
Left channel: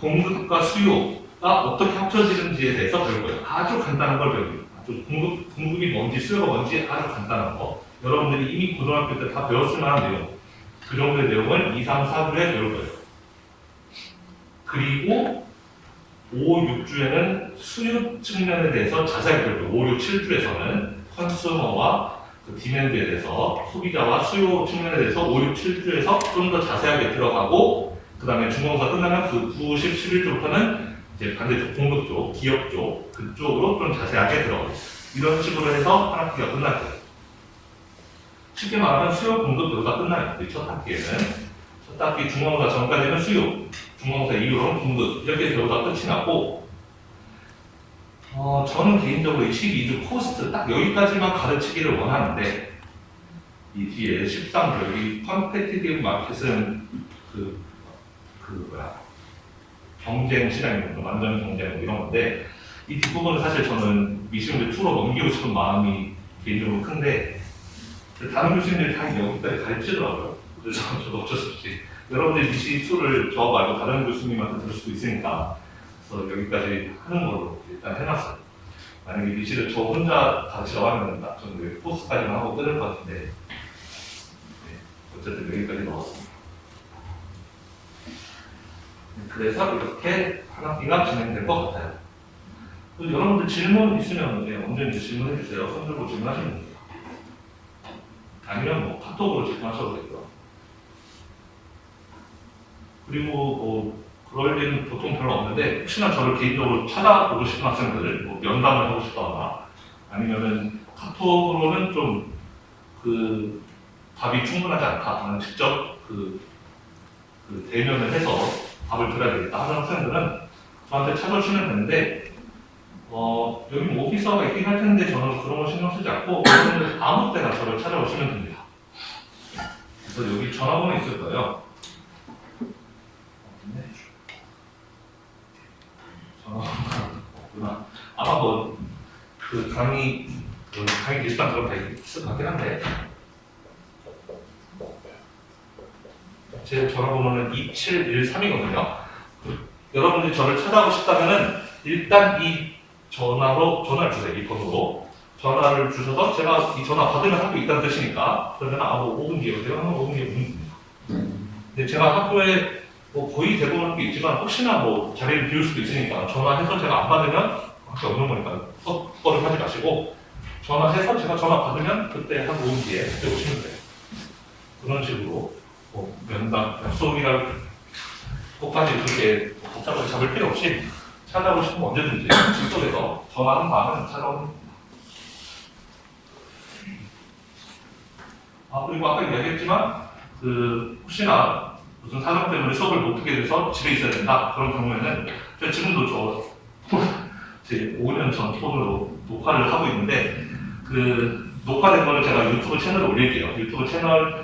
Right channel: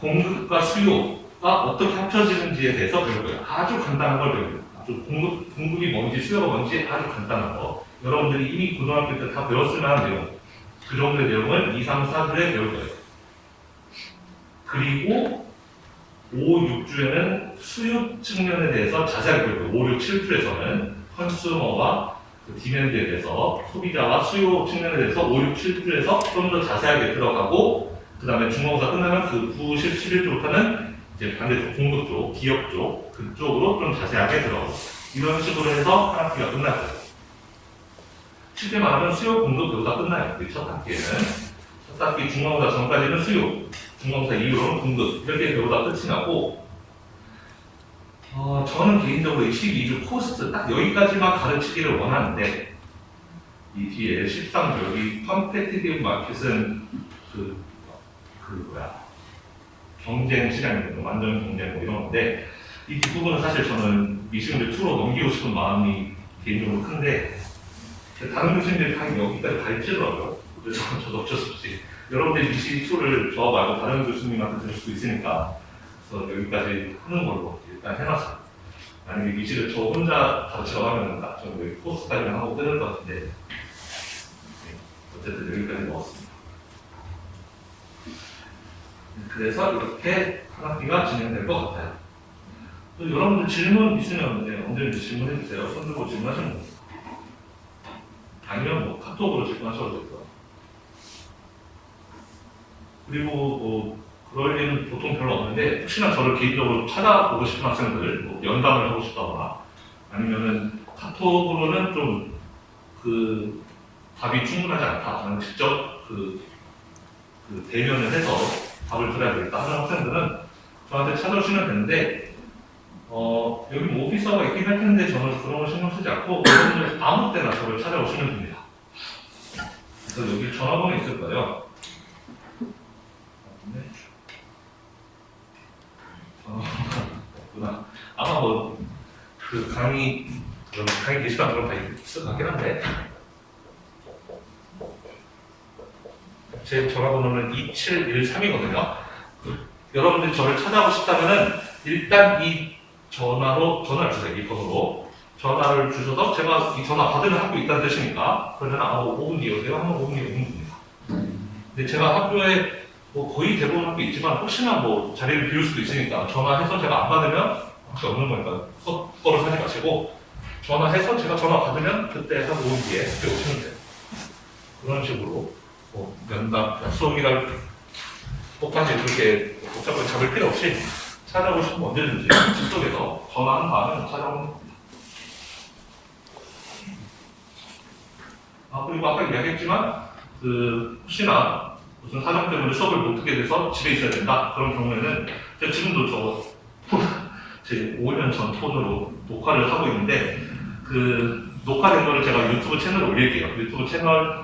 공급과 수요가 어떻게 합쳐지는지에 대해서 배울 거예요. 아주 간단한 걸 배웁니다. 아주 공급이 뭔지 수요가 뭔지 아주 간단한 거. 여러분들이 이미 고등학교 때 다 배웠을 만한 내용, 그 정도의 내용을 2, 3, 4주에 배울 거예요. 그리고 5, 6주에는 수요 측면에 대해서 자세하게 배울 거예요. 5, 6, 7주에서는 컨슈머와 디맨드에 대해서, 소비자와 수요 측면에 대해서 5, 6, 7주에서 좀 더 자세하게 들어가고, 그 다음에 중간고사 끝나면 그 9, 10, 11주부터는 이제 반대쪽 공급 쪽, 기업 쪽, 그쪽으로 좀 자세하게 들어가고, 이런 식으로 해서 한 학기가 끝날 거예요. 쉽게 말하면 수요 공급 배우다 끝나요. 우리 첫 학기에는. 첫 학기 중간고사 전까지는 수요, 중간고사 이후로는 공급 이렇게 배우다 끝이 나고 저는 개인적으로 이 12주 코스트 딱 여기까지만 가르치기를 원하는데 이 뒤에 13주 여기 컴페티티브 마켓은 경쟁 시장입니다. 완전 경쟁 뭐 이런 건데 이 뒷부분은 사실 저는 미시온제 2로 넘기고 싶은 마음이 개인적으로 큰데 다른 교수님들이 다 여기까지 가르치더라고요. 그래서 저도 어쩔 수 없이 여러분들 미시 2를 저 말고 다른 교수님한테 들을 수도 있으니까 그래서 여기까지 하는 걸로 일단 해놨어요. 만약에 미시를 저 혼자 가르치라고 하면 저는 코스까지만 하고 끊을 것 같은데 네, 어쨌든 여기까지 넣었습니다. 그래서 이렇게 한 학기가 진행될 것 같아요. 여러분들 질문 있으면 언제든지 질문해 주세요. 손 들고 질문하시면 됩니다. 아니면 카톡으로 질문하셔도 되고요. 그리고 그럴 일은 보통 별로 없는데 혹시나 저를 개인적으로 찾아보고 싶은 학생들, 연담을 하고 싶다거나 아니면은 카톡으로는 좀 답이 충분하지 않다. 나는 직접 대면을 해서 답을 드려야 되겠다 하는 학생들은 저한테 찾아오시면 되는데 여기 오피서가 있긴 할 텐데 저는 그런 거 신경 쓰지 않고 여러분들 아무 때나 저를 찾아오시면 됩니다. 그래서 여기 전화번호 있을 거예요. 전화번호구나. 아마 강의 게시판 그런 거 있을 것 같긴 한데 제 전화번호는 2713이거든요. 여러분들이 저를 찾아오고 싶다면은 일단 이 전화를 주세요. 이 번호로 전화를 주셔서 제가 이 전화 받으면 학교 있다는 뜻이니까 그러면 5분 뒤에 오세요. 하면 5분 뒤에 오면 됩니다. 근데 제가 학교에 거의 대부분 학교 있지만 혹시나 자리를 비울 수도 있으니까 전화해서 제가 안 받으면 학교 없는 거니까 섭섭을 하지 마시고 전화해서 제가 전화 받으면 그때 한 5분 뒤에 그때 오시면 돼요. 그런 식으로 면담, 약속이랑 똑같이 그렇게 복잡하게 잡을 필요 없이 찾아오시면 언제든지 직속에서 전화한 다음에 찾아오면 됩니다. 그리고 아까 이야기했지만 혹시나 무슨 사정 때문에 수업을 못 듣게 돼서 집에 있어야 된다 그런 경우에는 제가 지금도 제 5년 전 폰으로 녹화를 하고 있는데 녹화된 거를 제가 유튜브 채널에 올릴게요. 유튜브 채널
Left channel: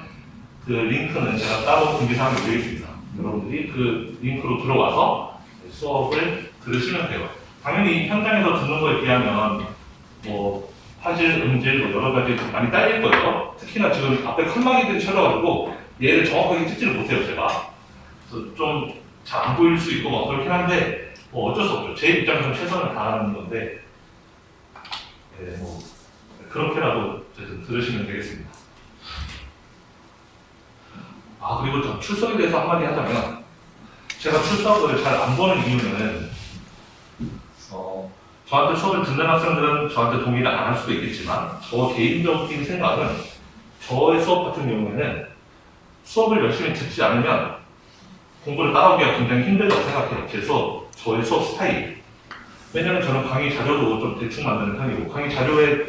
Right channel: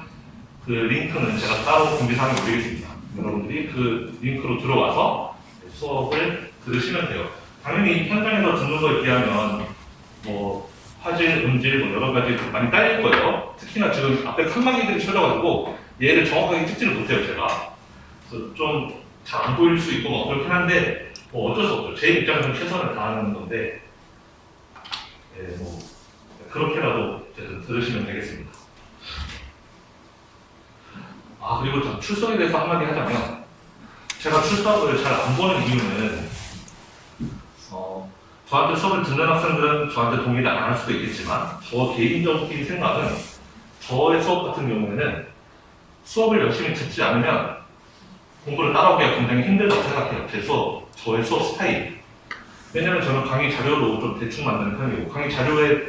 링크는 제가 따로 공지사항에 올리겠습니다. 여러분들이 그 링크로 들어와서 수업을 들으시면 돼요. 당연히 현장에서 듣는 거에 비하면 화질, 음질 여러 가지 많이 딸릴 거예요. 특히나 지금 앞에 칸막이들이 쳐져가지고 얘를 정확하게 찍지를 못해요, 제가. 그래서 좀 잘 안 보일 수 있고 그렇긴 한데 어쩔 수 없죠. 제 입장에서는 최선을 다하는 건데 그렇게라도 들으시면 되겠습니다. 그리고 저 출석에 대해서 한마디 하자면 제가 출석을 잘 안 보는 이유는 저한테 수업을 듣는 학생들은 저한테 동의를 안 할 수도 있겠지만 저 개인적인 생각은 저의 수업 같은 경우에는 수업을 열심히 듣지 않으면 공부를 따라오기가 굉장히 힘들다고 생각해요. 그래서 저의 수업 스타일. 왜냐면 저는 강의 자료도 좀 대충 만드는 편이고 강의 자료에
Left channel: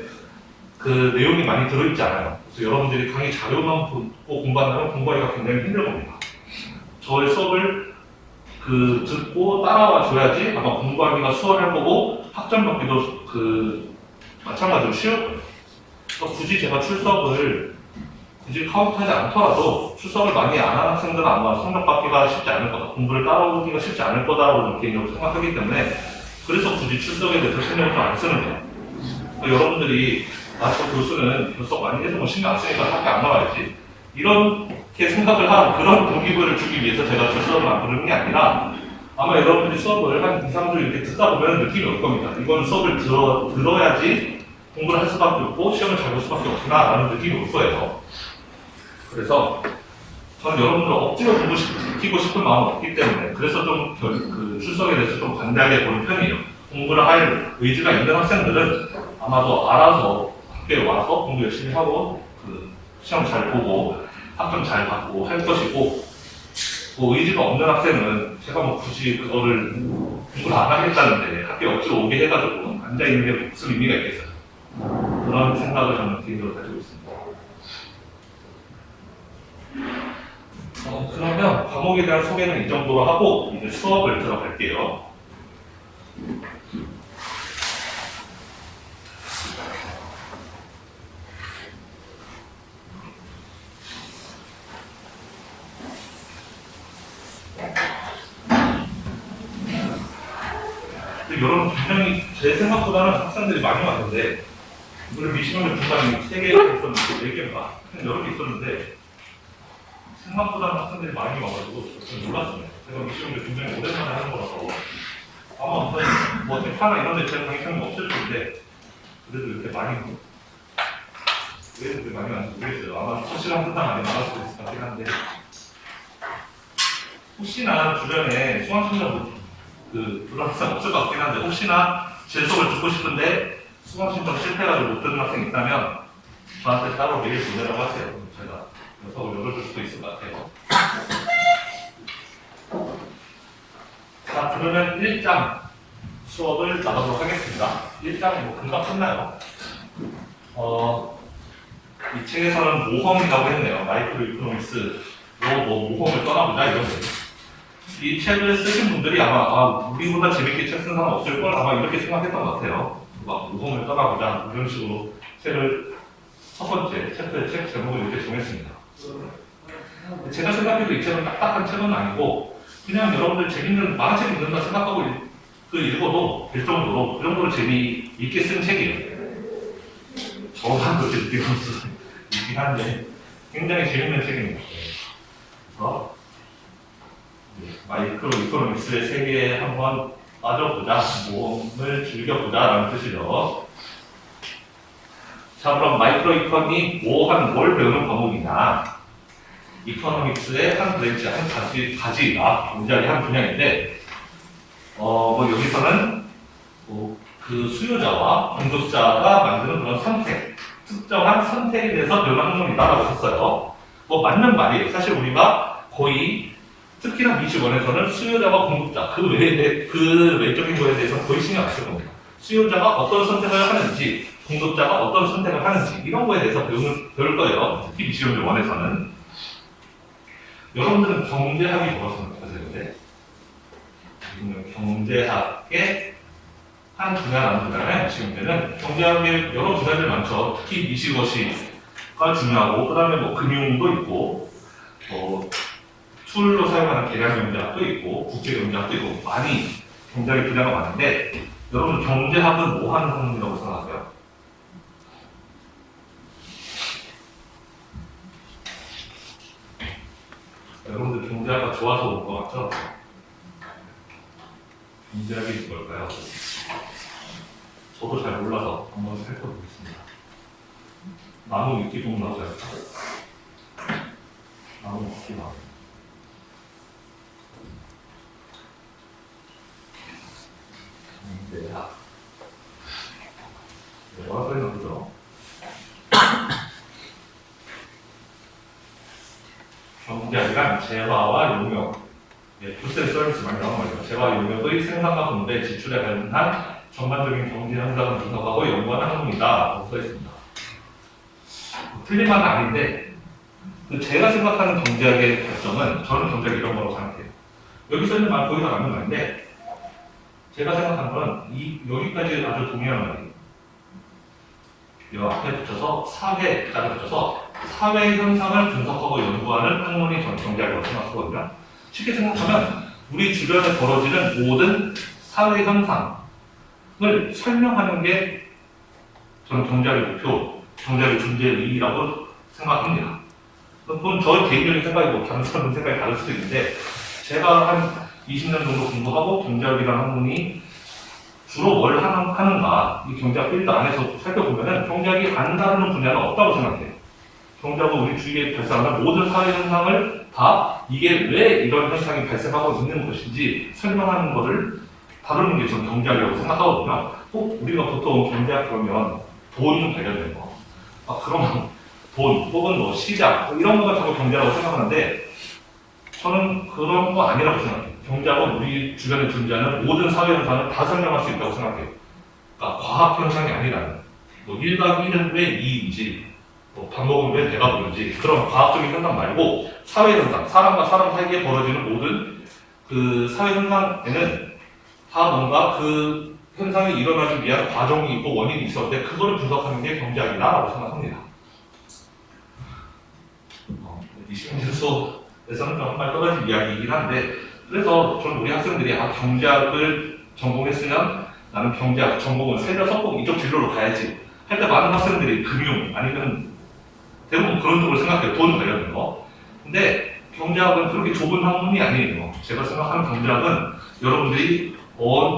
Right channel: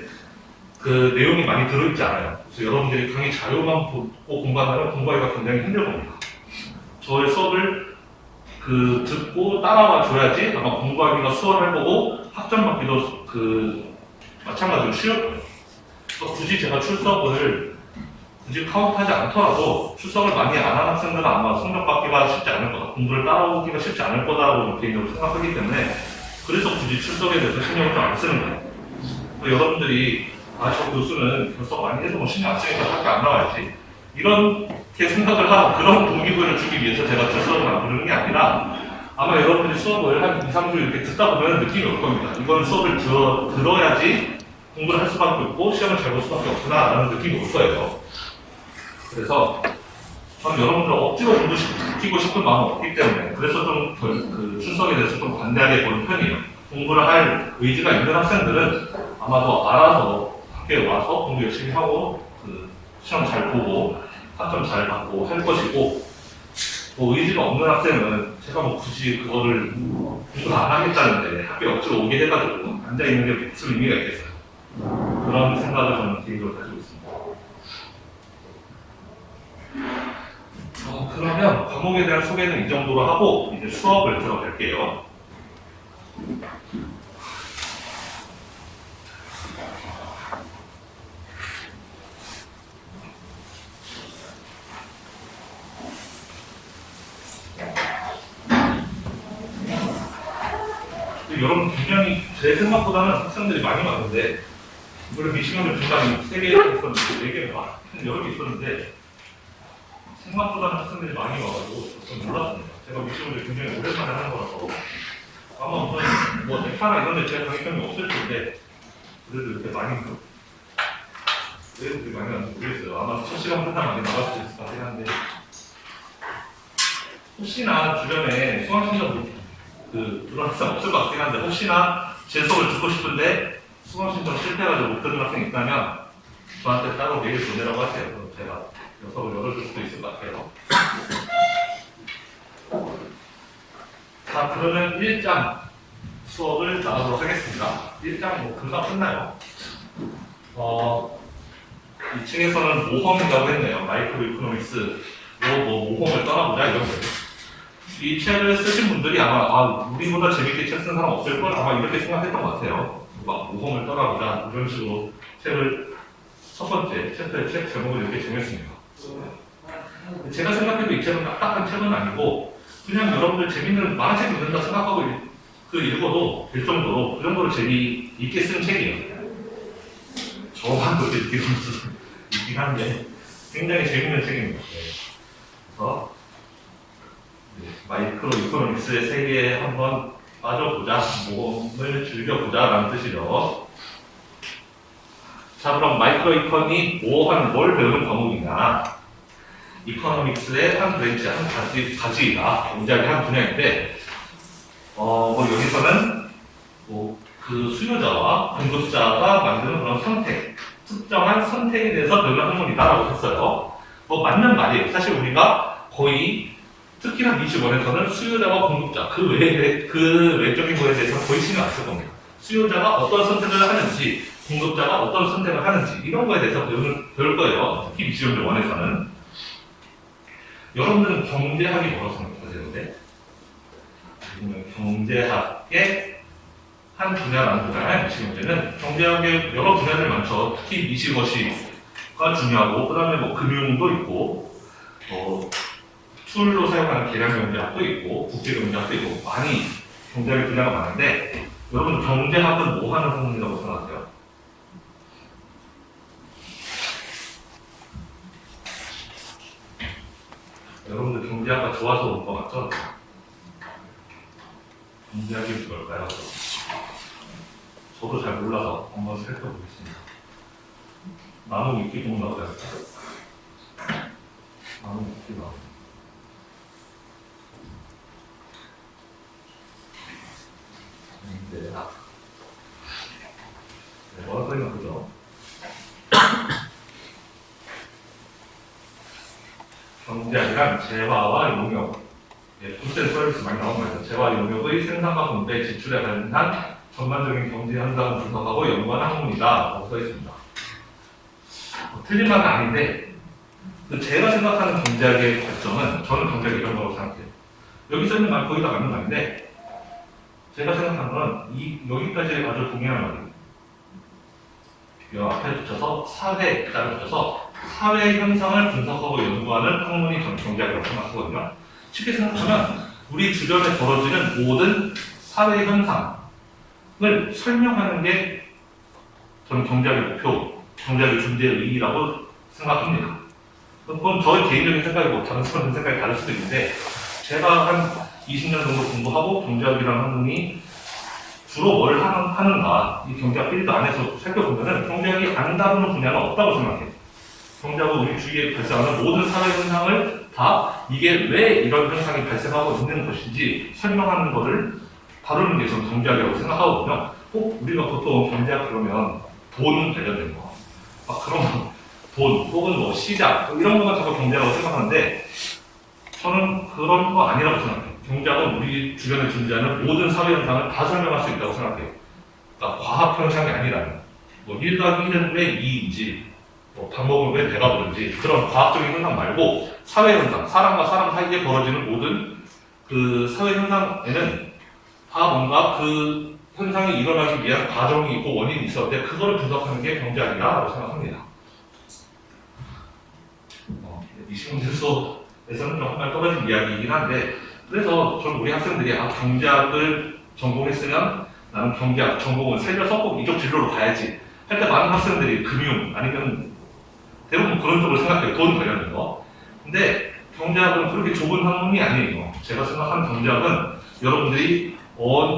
내용이 많이 들어있지 않아요. 그래서 여러분들이 강의 자료만 보고 공부한다면 공부하기가 굉장히 힘들 겁니다. 저의 수업을 듣고 따라와 줘야지 아마 공부하기가 수월할 거고 학점 받기도 마찬가지로 쉬울 거예요. 굳이 제가 출석을 굳이 카운트하지 않더라도 출석을 많이 안 하는 학생들은 아마 성적 받기가 쉽지 않을 거다. 공부를 따라오기가 쉽지 않을 거다라고 개인적으로 생각하기 때문에 그래서 굳이 출석에 대해서 신경을 좀 안 쓰는 거예요. 여러분들이 저 교수는 결석 많이 해서 신경 안 쓰니까 학교 안 나와야지 이렇게 생각을 하고 그런 동기부여를 주기 위해서 제가 출석을 안 부르는 게 아니라 아마 여러분들이 수업을 한 2, 3주 이렇게 듣다 보면 느낌이 올 겁니다. 이건 수업을 들어야지 공부를 할 수밖에 없고 시험을 잘 볼 수밖에 없구나 라는 느낌이 올 거예요. 그래서 저는 여러분들 억지로 듣고 싶은 마음은 없기 때문에 그래서 좀 출석에 대해서 좀 관대하게 보는 편이에요. 공부를 할 의지가 있는 학생들은 아마도 알아서 학교에 와서 공부 열심히 하고 시험 잘 보고 학점 잘 받고 할 것이고 의지가 없는 학생은 제가 굳이 그거를 공부를 안 하겠다는데 학교에 억지로 오게 해가지고 앉아있는 게 무슨 의미가 있겠어요. 그런 생각을 저는 개인적으로 가지고 있습니다. 과목에 대한 소개는 이 정도로 하고 이제 수업을 들어갈게요. 여러분 분명히 제 생각보다는 학생들이 많이 왔는데 이거를 미시간을 중간에 3개가 있었는데 4개인가 여러 개 있었는데 생각보다는 학생들이 많이 와가지고 좀 놀랐습니다. 제가 미시간을 굉장히 오랜만에 하는 거라서 아마 어떤 뭐 대파나 이런 데 제가 강의평이 없을 텐데 그래도 이렇게 많이 왜 이렇게 많이 왔는지 모르겠어요. 아마 첫 시간 끝나면 안 나갈 수도 있을 것 같긴 한데 혹시나 주변에 수강신청 그런 학생 없을 것 같긴 한데 혹시나 제 수업을 듣고 싶은데 수강신청 실패해가지고 못 듣는 학생 있다면 저한테 따로 메일 보내라고 하세요. 그럼 제가 수업을 열어줄 수도 있을 것 같아요. 자, 그러면 1장 수업을 나가도록 하겠습니다. 1장 뭐 금방 끝나요. 이 책에서는 모험이라고 했네요. 마이크로 이코노믹스로 뭐 모험을 떠나보자 이거죠. 이 책을 쓰신 분들이 아마 우리보다 재밌게 책 쓴 사람 없을 걸 아마 이렇게 생각했던 것 같아요. 막 모험을 떠나보자 이런 식으로 책을 첫 번째 챕터의 책 제목을 이렇게 정했습니다. 제가 생각해도 이 책은 딱딱한 책은 아니고 그냥 여러분들 재밌는 만화책 읽는다 생각하고 읽어도 될 정도로 그 정도로 재미있게 쓴 책이에요. 저만 그렇게 느끼는 수 있긴 한데 굉장히 재밌는 책입니다. 그래서 마이크로 이코노믹스의 세계에 한번 빠져보자, 모험을 즐겨보자 라는 뜻이죠. 자, 그럼 마이크로 이컨이 뭘 배우는 과목이냐. 이코노믹스의 한 브랜치, 한 가지가 굉장히 한 분야인데 여기서는 그 수요자와 공급자가 만드는 그런 선택, 특정한 선택에 대해서 배우는 학문이다라고 했어요. 맞는 말이에요. 사실 우리가 거의 특히나 미시원에서는 수요자와 공급자, 그 외적인 거에 대해서 거의 신경 안 쓸 겁니다. 수요자가 어떤 선택을 하는지, 공급자가 어떤 선택을 하는지, 이런 거에 대해서 배울 거예요. 특히 미시원 원에서는. 여러분들은 경제학이 뭐라고 생각하세요? 근데? 경제학의 한 분야라는 거잖아요. 미시원에는. 경제학의 여러 분야들 많죠. 특히 미시거시가 중요하고, 그 다음에 뭐 금융도 있고, 툴로 사용하는 계량 경제학도 있고 국제 경제학도 있고 많이 경제학의 분야가 많은데 여러분 경제학은 뭐 하는 학문이라고 생각하세요? 여러분들 경제학과 좋아서 온 거 맞죠? 경제학이 뭘까요? 저도 잘 몰라서 한번 살펴보겠습니다. 나무 위키북 나오죠? 나무 위키북. 뭐라고 써있나 보죠? 경제학이란 재화와 용역, 굿센 서비스 많이 나온 거예요. 재화 용역의 생산과 분배, 지출에 관한 전반적인 경제 현상을 분석하고 연구하는 학문이다라고 써있습니다. 틀린 말은 아닌데 제가 생각하는 경제학의 결정은 저는 경제학 이런 거라고 생각해요. 여기 써있는 말 거의 다 맞는 말인데 제가 생각하는 건 여기까지 아주 동일한 말이에요. 여 앞에 붙여서 사회까지 붙여서 사회 현상을 분석하고 연구하는 학문이 저는 경제학이라고 생각하거든요. 쉽게 생각하면 우리 주변에 벌어지는 모든 사회 현상을 설명하는 게 저는 경제학의 목표, 경제학의 존재의 의의라고 생각합니다. 그건 저의 개인적인 생각이고 다른 사람의 생각이 다를 수도 있는데 제가 한 20년 정도 공부하고 경제학이라는 학문이 주로 뭘 하는가 이 경제학 필드 안에서 살펴보면 경제학이 안 다루는 분야는 없다고 생각해요. 경제학은 우리 주위에 발생하는 모든 사회 현상을 다 이게 왜 이런 현상이 발생하고 있는 것인지 설명하는 것을 다루는 게 저는 경제학이라고 생각하거든요. 꼭 우리가 보통 경제학 그러면 돈 관련된 거, 그런 돈 혹은 뭐 시장 이런 거가 자꾸 경제학이라고 생각하는데 저는 그런 거 아니라고 생각해요. 경제학은 우리 주변에 존재하는 모든 사회 현상을 다 설명할 수 있다고 생각해요. 그러니까 과학 현상이 아니라는 뭐 1 더하기 1은 왜 2인지 밥 먹으면 왜 배가 부른지 그런 과학적인 현상 말고 사회 현상, 사람과 사람 사이에 벌어지는 모든 그 사회 현상에는 다 뭔가 그 현상이 일어나기 위한 과정이 있고 원인이 있었는데 그거를 분석하는 게 경제학이라고 생각합니다. 이 시험에서는 좀 한발 떨어진 이야기이긴 한데 그래서 좀 우리 학생들이 경제학을 전공했으면 나는 경제학 전공을 살려서 꼭 이쪽 진로로 가야지 할 때 많은 학생들이 금융 아니면 대부분 그런 쪽으로 생각해요. 돈 관련된 거. 근데 경제학은 그렇게 좁은 학문이 아니에요. 제가 생각하는 경제학은 여러분들이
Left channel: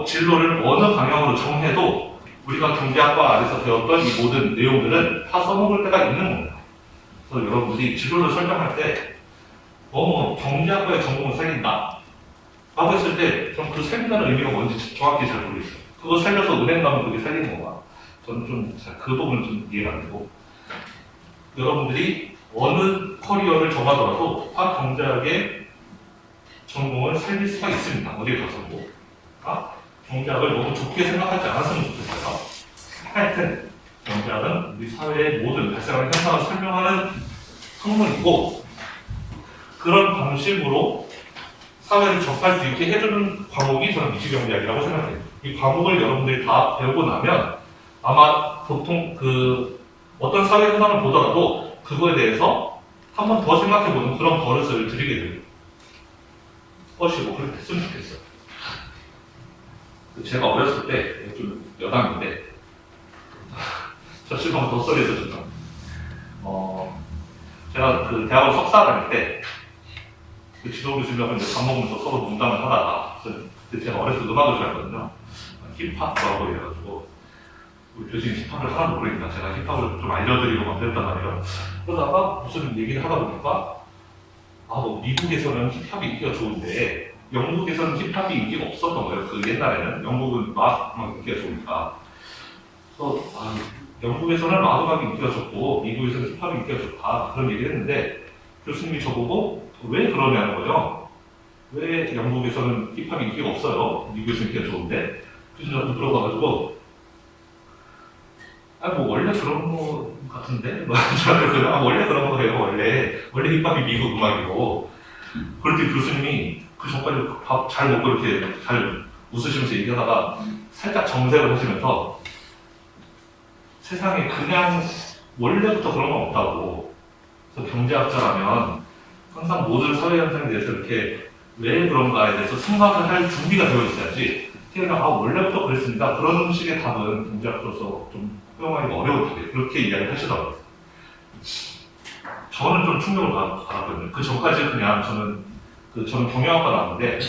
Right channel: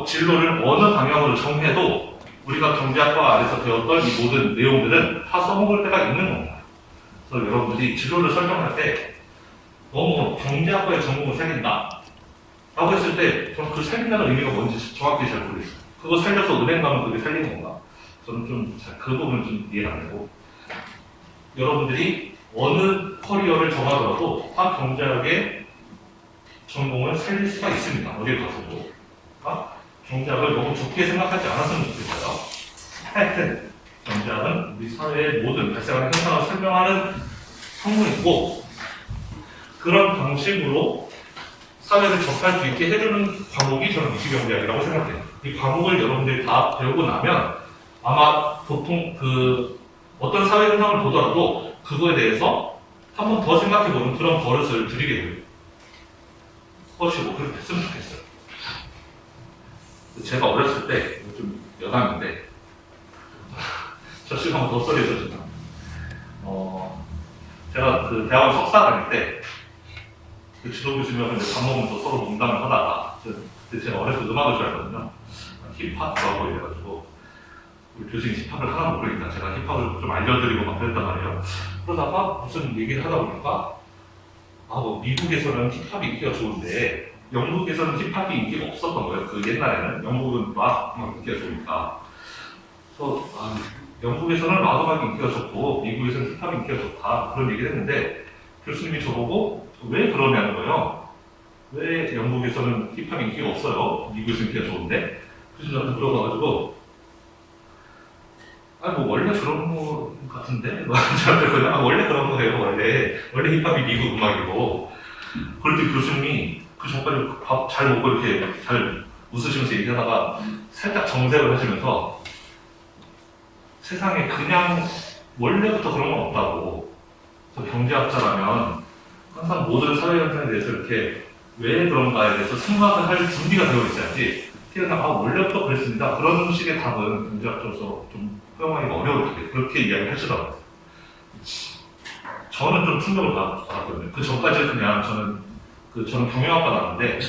진로를 어느 방향으로 정해도 우리가 경제학과 안에서 배웠던 이 모든 내용들은 다 써먹을 때가 있는 겁니다. 그래서 여러분들이 진로를 설정할 때 너무 경제학과의 전공을 살린다 라고 했을 때 저는 그 살린다는 의미가 뭔지 정확히 잘 모르겠어요. 그거 살려서 은행 가면 그게 살리는 건가? 저는 좀 그 부분은 좀 이해가 안 되고 여러분들이 어느 커리어를 정하더라도 다 경제학의 전공을 살릴 수가 있습니다. 어딜 가서도. 경제학을 너무 좁게 생각하지 않았으면 좋겠어요. 하여튼 경제학은 우리 사회의 모든 발생하는 현상을 설명하는 학문이고 그런 방식으로 사회를 접할 수 있게 해주는 과목이 저는 이시경제학이라고 생각해요. 이 과목을 여러분들이 다 배우고 나면 아마 보통 어떤 사회 현상을 보더라도 그거에 대해서 한 번 더 생각해보는 그런 버릇을 들이게 돼요. 것이고 그렇게 됐으면 좋겠어요. 제가 어렸을 때 좀 여담인데 저 시간 더 썰해졌죠. 제가 그 대학원 석사 다닐 때 그 지도 교수님하고 이제 밥 먹으면서 서로 농담을 하다가 제가 어렸을 때 음악을 좋아했거든요. 힙합이라고 이래가지고 우리 교수님 힙합을 하나도 모르니까 제가 힙합을 좀 알려드리고 막 그랬단 말이에요. 그러다가 무슨 얘기를 하다 보니까 뭐 미국에서는 힙합이 인기가 좋은데 영국에서는 힙합이 인기가 없었던 거예요. 그 옛날에는 영국은 락 인기가 좋으니까. 그래서 영국에서는 락 음악이 인기가 좋고 미국에서는 힙합이 인기가 좋다 그런 얘기를 했는데 교수님이 저보고 왜 그러냐는 거예요. 왜 영국에서는 힙합이 인기가 없어요? 미국에서는 인기가 좋은데? 그래서 저한테 들어가가지고 뭐 원래 그런 거 같은데? 저한테 그냥 원래 그런 거예요. 원래 힙합이 미국 음악이고 그럴 때 교수님이 그 전까지 밥 잘 먹고 이렇게 잘 웃으시면서 얘기하다가 살짝 정색을 하시면서 세상에 그냥 원래부터 그런 건 없다고. 그래서 경제학자라면 항상 모든 사회 현상에 대해서 이렇게 왜 그런가에 대해서 생각을 할 준비가 되어 있어야지 그냥 원래부터 그랬습니다. 그런 식의 답은 경제학자로서 좀 표현하기가 어려울 텐데 그렇게 이야기를 하시더라고요. 저는 좀 충격을 받았거든요. 그 전까지 그냥 저는 경영학과 나왔는데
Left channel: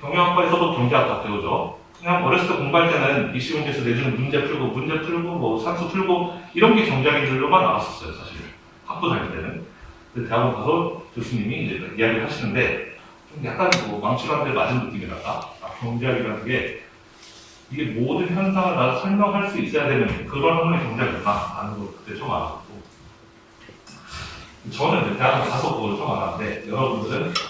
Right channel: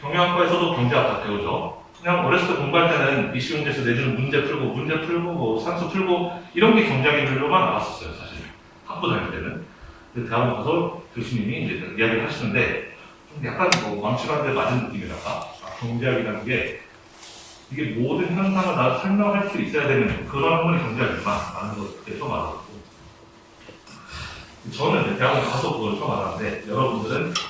경영학과에서도 경제학과 배우죠. 그냥 어렸을 때 공부할 때는 입시문제에서 내주는 문제 풀고 뭐 산수 풀고 이런 게 경제학인 줄로만 알았었어요. 사실 학부 다닐 때는. 근데 대학원 가서 교수님이 이제 이야기를 하시는데 좀 약간 망치로 데 맞은 느낌이랄까. 경제학이라는 게 이게 모든 현상을 다 설명할 수 있어야 되는 그런 학문의 경제학이구나 라는 걸 그때 처음 알았고 저는 이제 대학원 가서 그걸 처음 알았는데 여러분들은 좀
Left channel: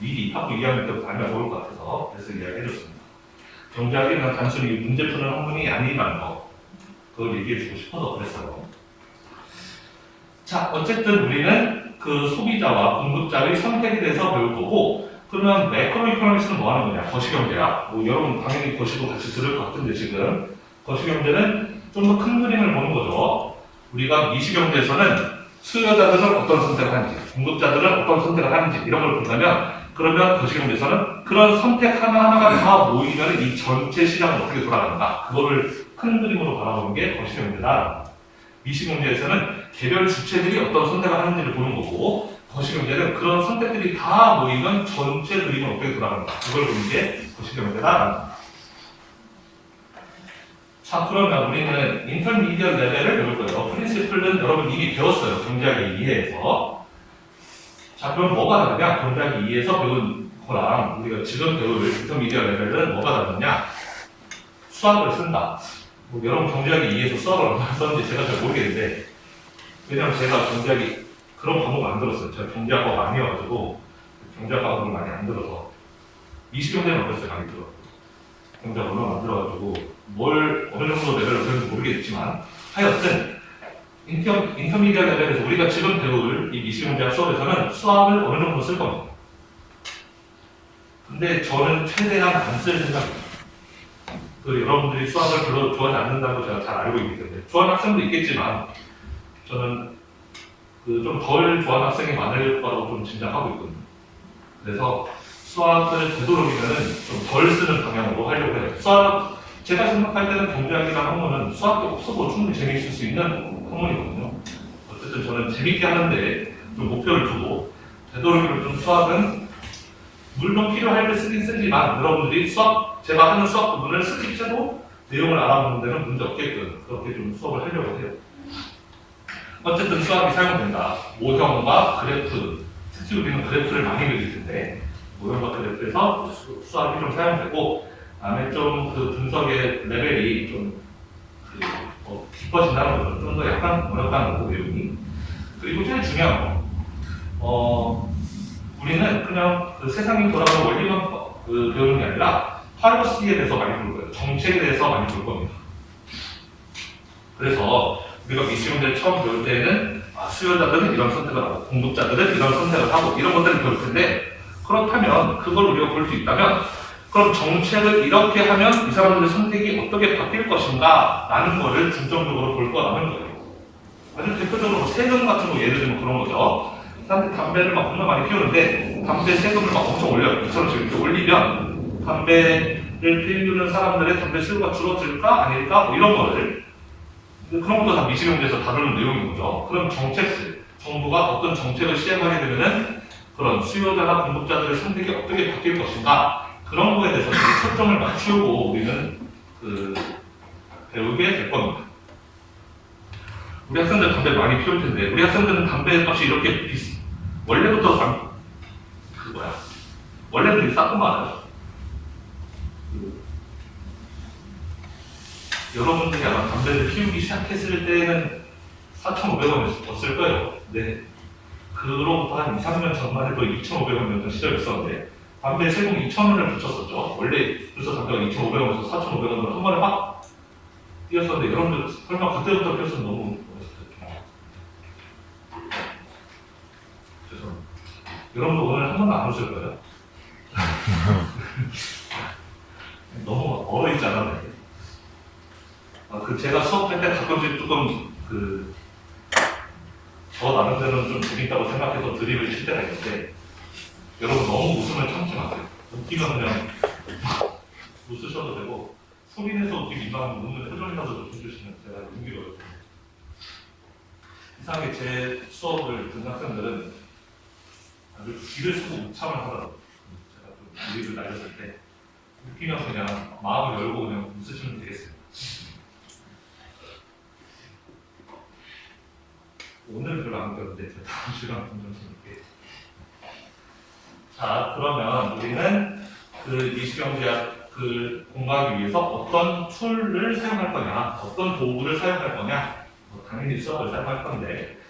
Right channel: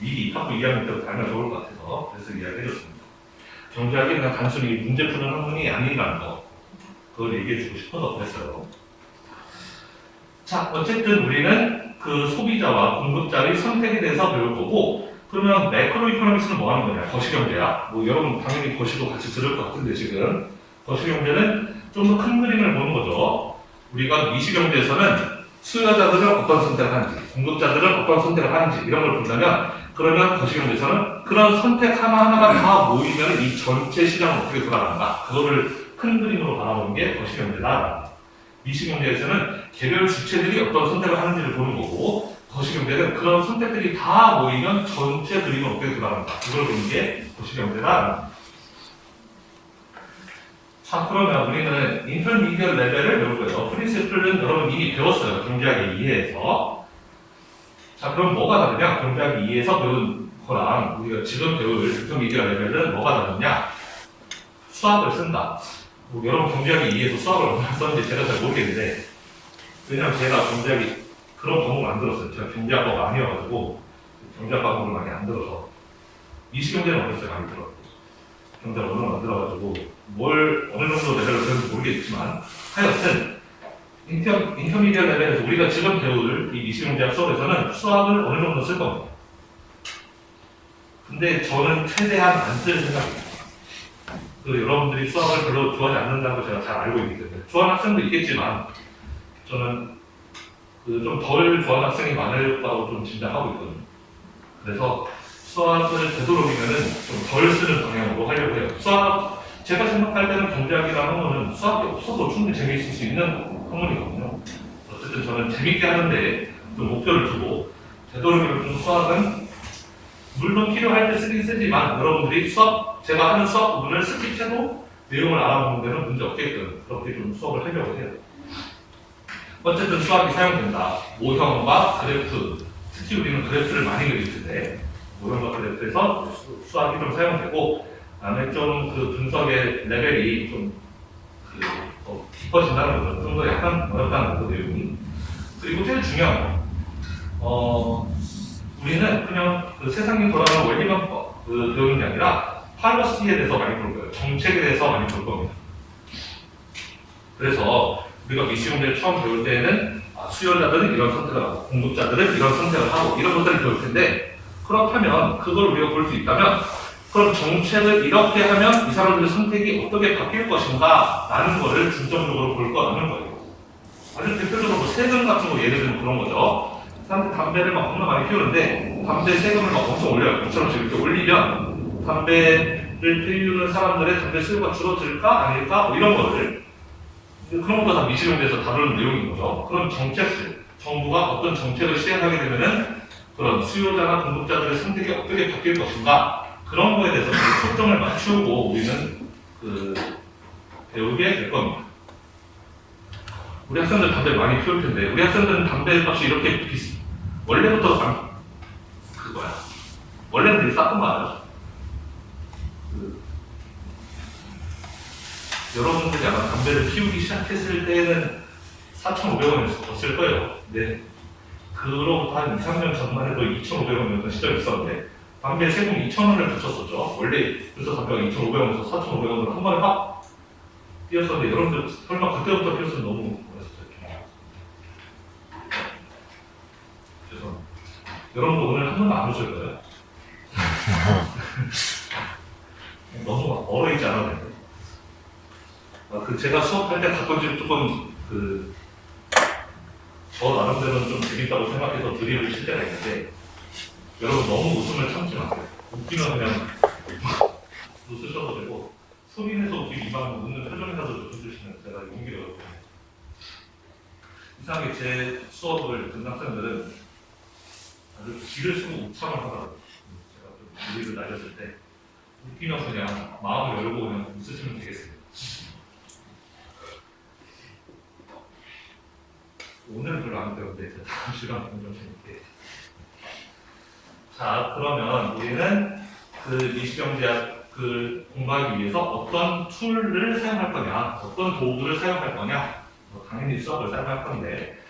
미리 학부 2학년 때부터 알면 좋을 것 같아서 그래서 이야기해줬습니다. 경제학이 그냥 단순히 문제 푸는 학문이 아니라는 거 그걸 얘기해주고 싶어서 그랬어요. 자, 어쨌든 우리는 그 소비자와 공급자의 선택에 대해서 배울 거고 그러면 매크로 이코노미스는 뭐 하는 거냐? 거시경제야. 여러분 당연히 거시도 같이 들을 것 같은데 지금 거시경제는 좀 더 큰 그림을 보는 거죠. 우리가 미시경제에서는 수요자들은 어떤 선택을 하는지 공급자들은 어떤 선택을 하는지 이런 걸 본다면 그러면 거시경제에서는 그런 선택 하나하나가 다 모이면 이 전체 시장은 어떻게 돌아가는가 그거를 큰 그림으로 바라보는 게 거시경제다. 미시경제에서는 개별 주체들이 어떤 선택을 하는지를 보는 거고 거시경제는 그런 선택들이 다 모이면 전체 그림은 어떻게 돌아가는가 그걸 보는 게 거시경제다. 자, 그러면 우리는 인터미디어 레벨을 배울 거예요. 프린시플은 여러분 이미 배웠어요. 경제학 2에서. 자, 그럼 뭐가 다르냐? 경제학 2에서 배운 거랑 우리가 지금 배울 인터미디어 레벨은 뭐가 다르냐? 수학을 쓴다. 여러분 경제학 2에서 수학을 얼마나 썼는지 제가 잘 모르겠는데 왜냐면 제가 경제학이 그런 과목을 안 들었어요. 제가 경제학과가 아니어가지고 경제학 과목을 많이 안 들어서 미시경제는 어렸을 때 많이 들었고 경제학 언어는 안 들어가지고 어느 정도 레벨로 배웠는지 모르겠지만 하여튼 인터미디어 레벨에서 우리가 지금 배울 이 미시공제학 수업에서는 수학을 어느 정도 쓸 겁니다. 근데 저는 최대한 안 쓸 생각입니다. 여러분들이 수학을 별로 좋아하지 않는다는 걸 제가 잘 알고 있기 때문에 좋아하는 학생도 있겠지만 저는 좀 덜 좋아하는 학생이 많을 거라고 좀 짐작하고 있거든요. 그래서 수학을 되도록이면 좀 덜 쓰는 방향으로 하려고 해요. 제가 생각할 때는 경제학이라는 학문은 수학이 없어도 충분히 재미있을 수 있는 학문이거든요. 어쨌든 저는 재밌게 하는데 좀 목표를 두고 되도록이면 좀 수학은 물론 필요할 때 쓰긴 쓰지만 여러분들이 제가 하는 수학 부분을 스킵해도 내용을 알아보는 데는 문제 없게끔 그렇게 좀 수업을 하려고 해요. 어쨌든 수학이 사용된다. 모형과 그래프, 특히 우리는 그래프를 많이 그릴 텐데 모형과 그래프에서 수학이 좀 사용되고 다음에 좀 분석의 레벨이 좀 깊어진다는 거죠. 좀 더 약간 어렵다는 거 내용이. 그리고 제일 중요한 거, 우리는 그냥 세상이 돌아가는 원리만 배우는 게 아니라 팔러시에 대해서 많이 볼 거예요. 정책에 대해서 많이 볼 겁니다. 그래서 우리가 미시문제를 처음 배울 때에는 수요자들은 이런 선택을 하고 공급자들은 이런 선택을 하고 이런 것들을 배울 텐데 그렇다면 그걸 우리가 볼 수 있다면 그럼 정책을 이렇게 하면 이 사람들의 선택이 어떻게 바뀔 것인가 라는 거를 중점적으로 볼 거라는 거예요. 아주 대표적으로 세금 같은 거 예를 들면 그런 거죠. 사람들이 담배를 막 엄청 많이 피우는데 담배 세금을 막 엄청 올려요. 이처럼 이렇게 올리면 담배를 피우는 사람들의 담배 수요가 줄어들까 아닐까 뭐 이런 거를 그런 것도 다 미시경제에서 다루는 내용인 거죠. 그럼 정책들, 정부가 어떤 정책을 시행하게 되면은 그런 수요자나 공급자들의 선택이 어떻게 바뀔 것인가 그런 거에 대해서 초점을 맞추고 우리는 배우게 될 겁니다. 우리 학생들 담배를 많이 피울 텐데 우리 학생들은 담배 값이 이렇게 원래부터 원래는 되게 쌌던 거 알아요? 여러분들이 아마 담배를 피우기 시작했을 때는 4,500원이었을 거예요. 네. 그로부터 한 2, 3년 전만 해도 2,500원이었던 시절이 있었는데 담배 세금 2,000원을 붙였었죠. 원래 벌써 담배가 2,500원에서 4,500원으로 한 번에 확 뛰었었는데 여러분들 설마 그때부터 피웠으면 너무 멋있었죠. 죄송합니다. 여러분도 오늘 한 번도 안 오실 거예요? 너무 얼어있지 않았나요? 제가 수업할 때 가끔씩 조금 저 나름대로는 좀 재밌다고 생각해서 드립을 칠 때가 있는데 여러분 너무 웃음을 참지 마세요. 웃기면 그냥 웃으셔도 되고 소리내서 웃기기 이만하면 웃는 표정이라도 좀 해주시면 제가 용기를 얻거든요. 이상하게 제 수업을 듣는 학생들은 다들 귀를 쓰고 웃참을 하더라고요. 제가 좀 드립을 날렸을 때 웃기면 그냥 마음을 열고 그냥 웃으시면 되겠습니다. 오늘은 별로 안 배웠는데 다음 시간 좀 재밌게. 자, 그러면 우리는 미시경제학 공부하기 위해서 어떤 툴을 사용할 거냐, 어떤 도구를 사용할 거냐, 당연히 수학을 사용할 건데,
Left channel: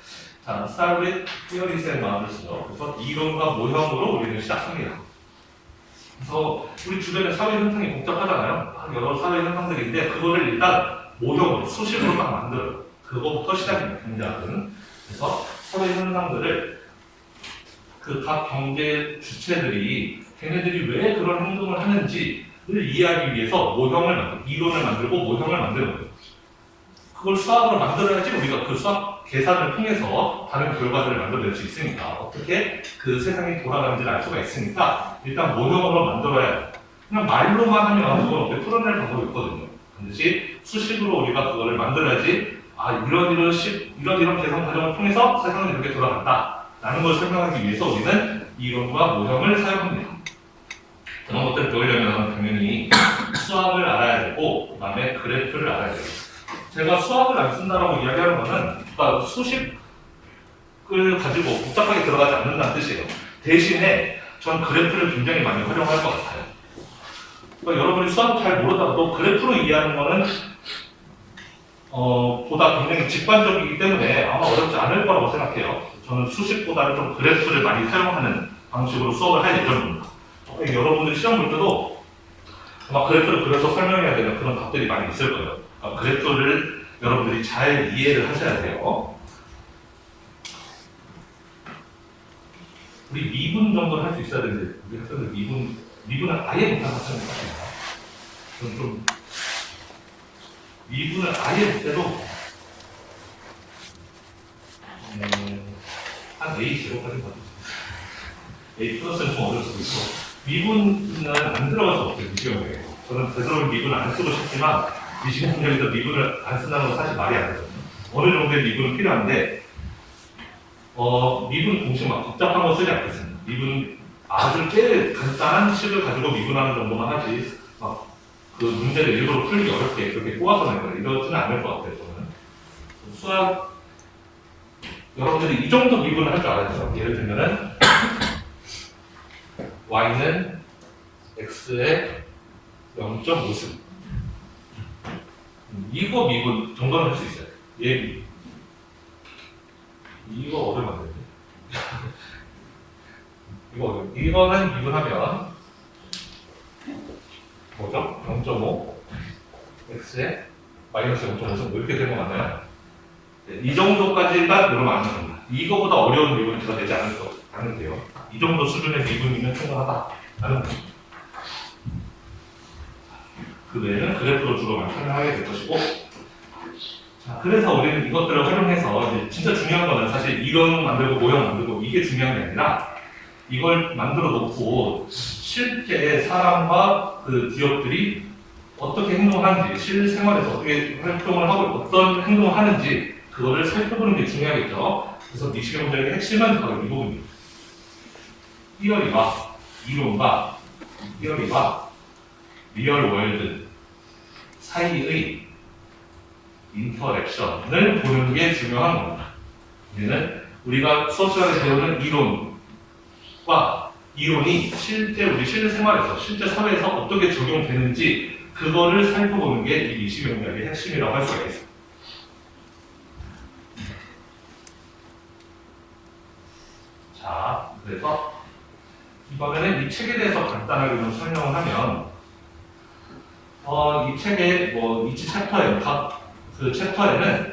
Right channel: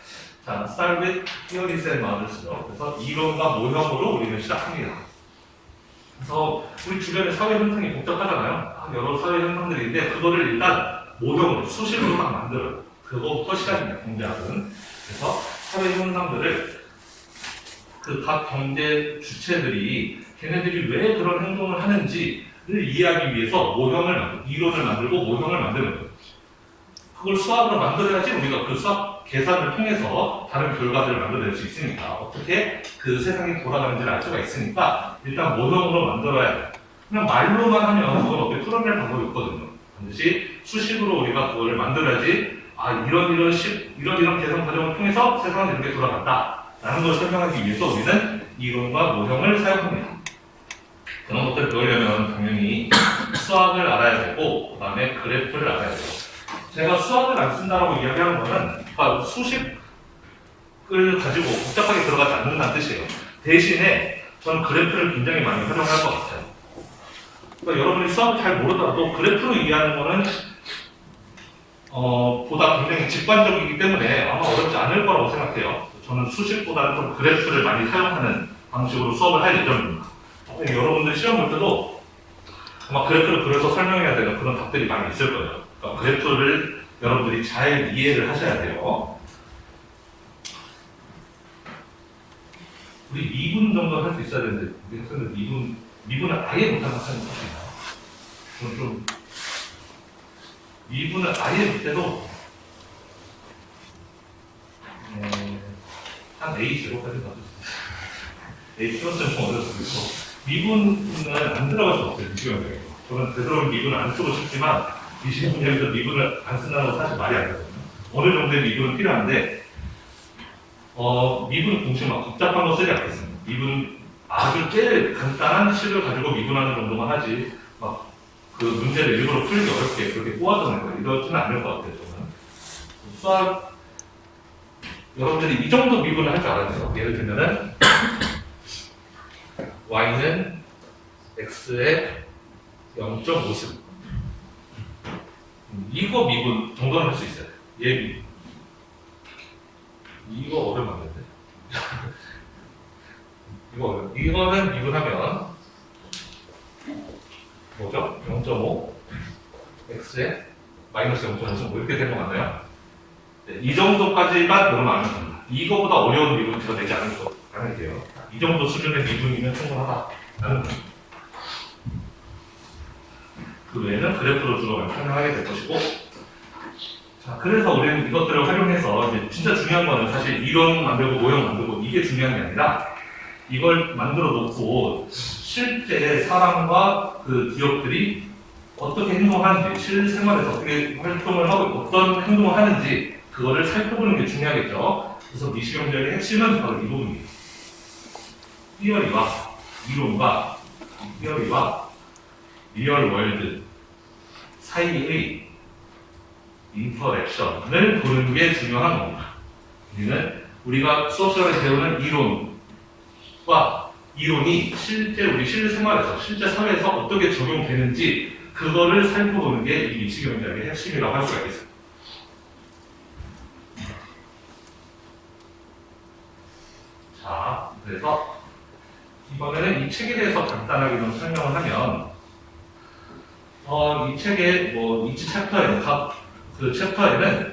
자, start with theories and models죠. 그래서 이론과 모형으로 우리는 시작합니다. 그래서 우리 주변에 사회 현상이 복잡하잖아요. 여러 사회 현상들인데 그거를 일단 모형으로 수식으로 딱 만들어요. 그거부터 시작입니다. 경제학은. 그래서 사회 현상들을 각 경제 주체들이 걔네들이 왜 그런 행동을 하는지를 이해하기 위해서 이론을 만들고 모형을 만드는 거예요. 그걸 수학으로 만들어야지 우리가 그 수학 계산을 통해서 다른 결과들을 만들어낼 수 있으니까 어떻게 그 세상이 돌아가는지를 알 수가 있으니까 일단 모형으로 만들어야 돼요. 그냥 말로만 하면 그걸 어떻게 풀어낼 방법이 있거든요. 반드시 수식으로 우리가 그거를 만들어야지 이런 계산 과정을 통해서 세상은 이렇게 돌아간다 라는 걸 설명하기 위해서 우리는 이론과 모형을 사용합니다. 그런 것들을 배우려면 당연히 수학을 알아야 되고 그 다음에 그래프를 알아야 되고 제가 수학을 안 쓴다라고 이야기하는 거는 그러니까 수식을 가지고 복잡하게 들어가지 않는다는 뜻이에요. 대신에 전 그래프를 굉장히 많이 활용할 것 같아요. 그러니까 여러분이 수학을 잘 모르더라도 그래프로 이해하는 거는 보다 굉장히 직관적이기 때문에 아마 어렵지 않을 거라고 생각해요. 저는 수식보다는 좀 그래프를 많이 사용하는 방식으로 수업을 할 예정입니다. 그러니까 여러분들 시험 볼 때도 아마 그래프를 그려서 설명해야 되는 그런 답들이 많이 있을 거예요. 그러니까 그래프를 여러분들이 잘 이해를 하셔야 돼요. 우리 미분 정도는 할 수 있어야 되는데 우리 학생들 미분을 아예 못하는 학생이 있습니다. 저는 좀 미분을 아예 못해도 한 A0까지는 가도 A 플러스는 좀 어려울 수도 있고 미분은 안 들어갈 수 없어요. 미시험에 저는 되도록 미분을 안 쓰고 싶지만 미시험 문제에서 미분을 안 쓴다는 건 사실 말이 안 되거든요. 어느 정도의 미분은 필요한데 미분 공식 막 복잡한 거 쓰지 않겠습니다. 미분 아주 제일 간단한 식을 가지고 미분하는 정도만 하지 막 그 문제를 일부러 풀기 어렵게 그렇게 꼬아서 내고 이러지는 않을 것 같아요. 저는 수학 여러분들이 이 정도 미분을 할 줄 알아야 돼요. 예를 들면은 y는 x의 0.5승 이거 미분 정도는 할 수 있어요. 예비 이거 어려면 안 되는데 이거는 미분하면 뭐죠? 0.5 x에 마이너스 0.5승 뭐 이렇게 되는 거 맞나요? 네, 이 정도까지가 여러분 안 됩니다. 이거보다 어려운 미분 제가 내지 않을게요. 이 정도 수준의 미분이면 충분하다라는 그 외에는 그래프로 주로 설명하게 될 것이고 자, 그래서 우리는 이것들을 활용해서 이제 진짜 중요한 거는 사실 이론 만들고 모형 만들고 이게 중요한 게 아니라 이걸 만들어 놓고 실제 사람과 그 기업들이 어떻게 행동하는지 실생활에서 어떻게 활동을 하고 어떤 행동을 하는지 그거를 살펴보는 게 중요하겠죠. 그래서 미시경제의 핵심은 바로 이 부분이에요. 티어리와 이론과 티어리와 리얼 월드 사이의 인터랙션을 보는 게 중요한 겁니다. 얘는 우리가 수업 시간에 배우는 이론과 이론이 실제 우리 실생활에서 실제 사회에서 어떻게 적용되는지 그거를 살펴보는 게 이 미시경제의 핵심이라고 할 수가 있겠습니다. 자, 그래서 이번에는 이 책에 대해서 간단하게 좀 설명을 하면 이 책의 이치 챕터에 그 챕터에는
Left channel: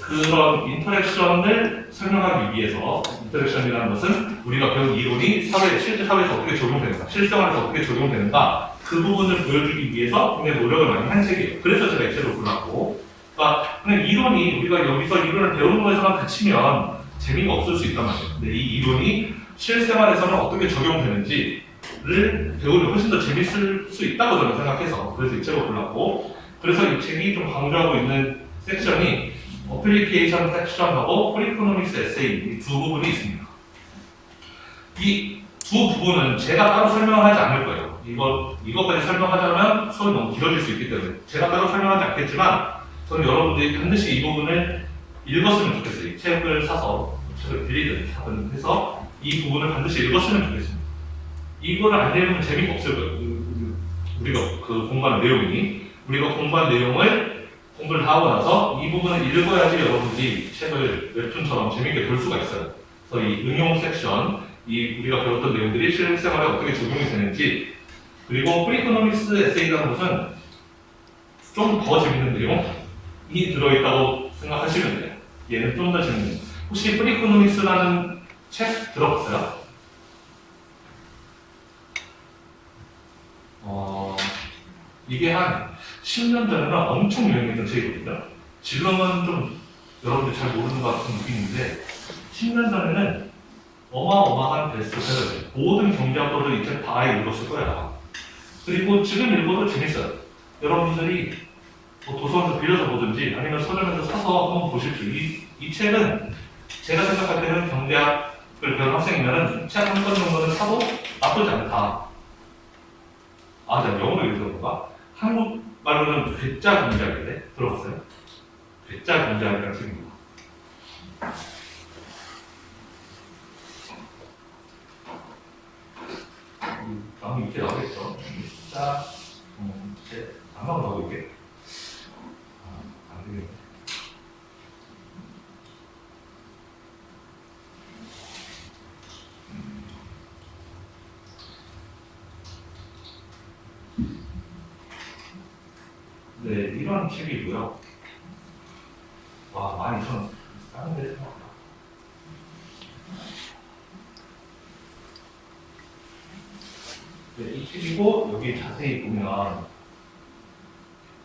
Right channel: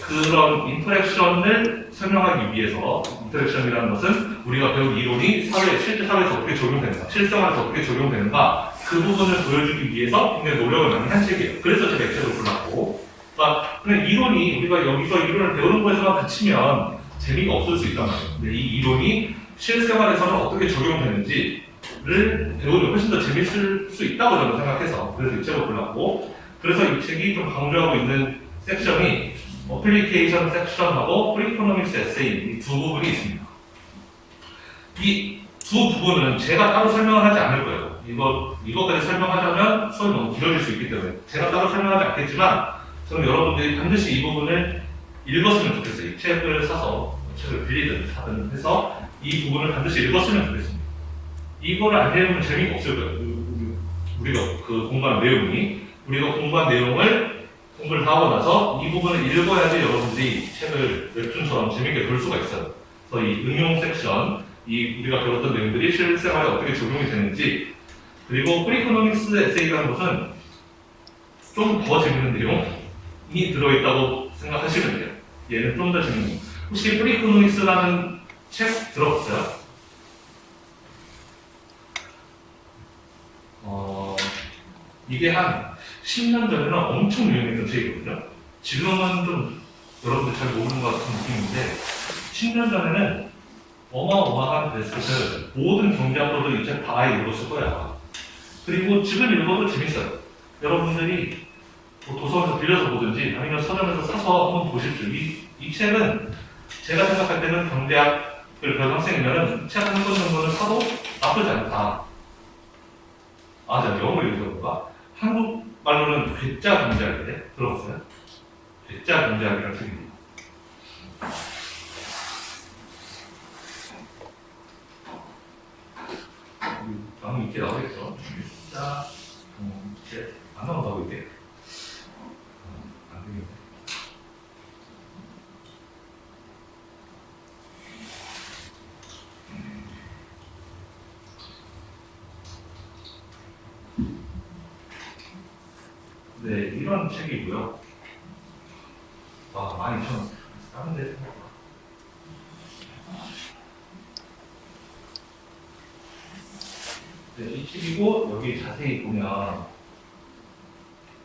그런 인터랙션을 설명하기 위해서 인터랙션이라는 것은 우리가 배운 이론이 실제 사회에서 어떻게 적용되는가, 실생활에서 어떻게 적용되는가 그 부분을 보여주기 위해서 굉장히 노력을 많이 한 책이에요. 그래서 제가 이 책을 골랐고, 그러니까 그냥 이론이 우리가 여기서 이론을 배우는 거에서만 그치면 재미가 없을 수 있단 말이에요. 근데 이 이론이 실생활에서는 어떻게 적용되는지를 배우면 훨씬 더 재밌을 수 있다고 저는 생각해서 그래서 이 책을 골랐고, 그래서 이 책이 좀 강조하고 있는 섹션이 어플리케이션 섹션하고 프리코노믹스 에세이 이 두 부분이 있습니다. 이 두 부분은 제가 따로 설명을 하지 않을 거예요. 이것까지 설명하자면 수업이 너무 길어질 수 있기 때문에 제가 따로 설명하지 않겠지만 저는 여러분들이 반드시 이 부분을 읽었으면 좋겠어요. 이 책을 사서 책을 빌리든 사든 해서 이 부분을 반드시 읽었으면 좋겠습니다. 이거를 안 읽으면 재미가 없을 거예요. 우리가 그 공부한 내용이 우리가 공부한 내용을 공부를 다 하고 나서 이 부분을 읽어야지 여러분들이 책을 웹툰처럼 재밌게 볼 수가 있어요. 그래서 이 응용 섹션, 우리가 배웠던 내용들이 실생활에 어떻게 적용이 되는지, 그리고 프리코노믹스 에세이라는 것은 좀 더 재밌는 내용이 들어있다고 생각하시면 돼요. 얘는 좀 더 재밌는. 혹시 프리코노믹스라는 책 들어봤어요? 이게 한 10년 전에는 엄청 유행했던 책이거든요. 지금은 좀 여러분들 잘 모르는 것 같은 느낌인데 10년 전에는 어마어마한 베스트셀러였어요. 모든 경제학도들 이 책 다 읽었을 거야. 그리고 지금 읽어도 재밌어요. 여러분들이 도서관에서 빌려서 보든지 아니면 서점에서 사서 한번 보십시오. 이 책은 제가 생각할 때는 경제학을 배우는 학생이면 책 한 권 정도는 사도 나쁘지 않다. 내가 영어로 읽어서 그런가? 한국말로는 괴짜 경제학이래. 들어봤어요? 괴짜 경제학이라는 책입니다. 다음 밑에 나오겠죠? 괴짜 경제 안 나온다고 이게? 안 되겠네. 네, 이런 책이고요. 네, 이 책이고 여기 자세히 보면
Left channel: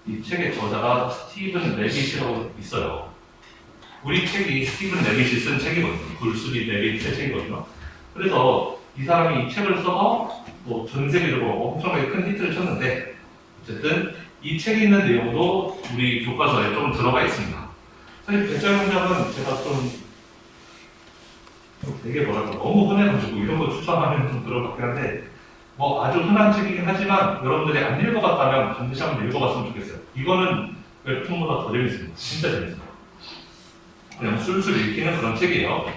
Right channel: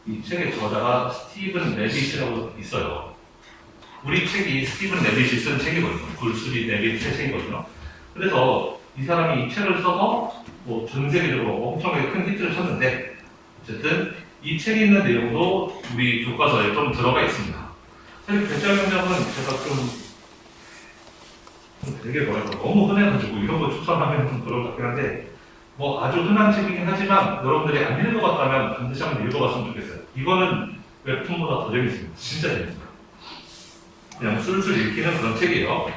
이 책의 저자가 스티븐 레빗이라고 있어요. 우리 책이 스티븐 레빗이 쓴 책이거든요. 불수리 레빗의 책이거든요. 그래서 이 사람이 이 책을 써서 뭐 전 세계적으로 엄청나게 큰 히트를 쳤는데 어쨌든 이 책에 있는 내용도 우리 교과서에 좀 들어가 있습니다. 사실 배짤 문장은 제가 좀 되게 너무 흔해가지고 이런 거 추천하면 좀 그럴 것 같긴 한데 뭐 아주 흔한 책이긴 하지만 여러분들이 안 읽어봤다면 반드시 한번 읽어봤으면 좋겠어요. 이거는 웹툰보다 더 재밌습니다. 진짜 재밌어요. 그냥 술술 읽히는 그런 책이에요.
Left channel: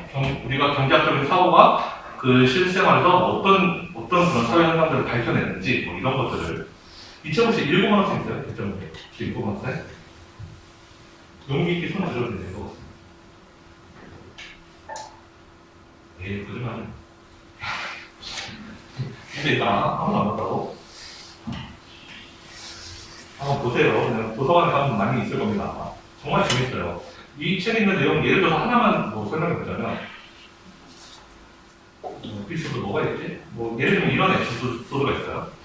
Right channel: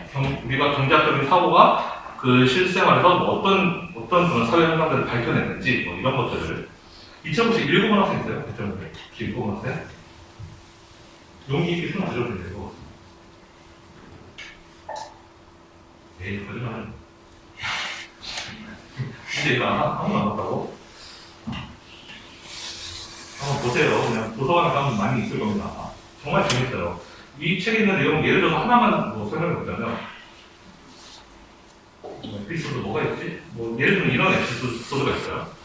우리가 경제학적인 사고가 그 실생활에서 뭐 어떤 그런 사회 현상들을 밝혀냈는지 뭐 이런 것들을 이 책 혹시 읽어본 학생 있어요? 혹시 읽어본 학생? 용기 있게 손 들어도 되고. 에이, 거짓말. 근데 이거 아무도 안 봤다고? 한번 보세요. 그냥 도서관에 가면 많이 있을 겁니다. 정말 재밌어요. 이 책에 있는 내용 예를 들어서 하나만 뭐 설명해 보자면 에피소드 뭐가 있지? 뭐 예를 들면 이런 에피소드가 있어요.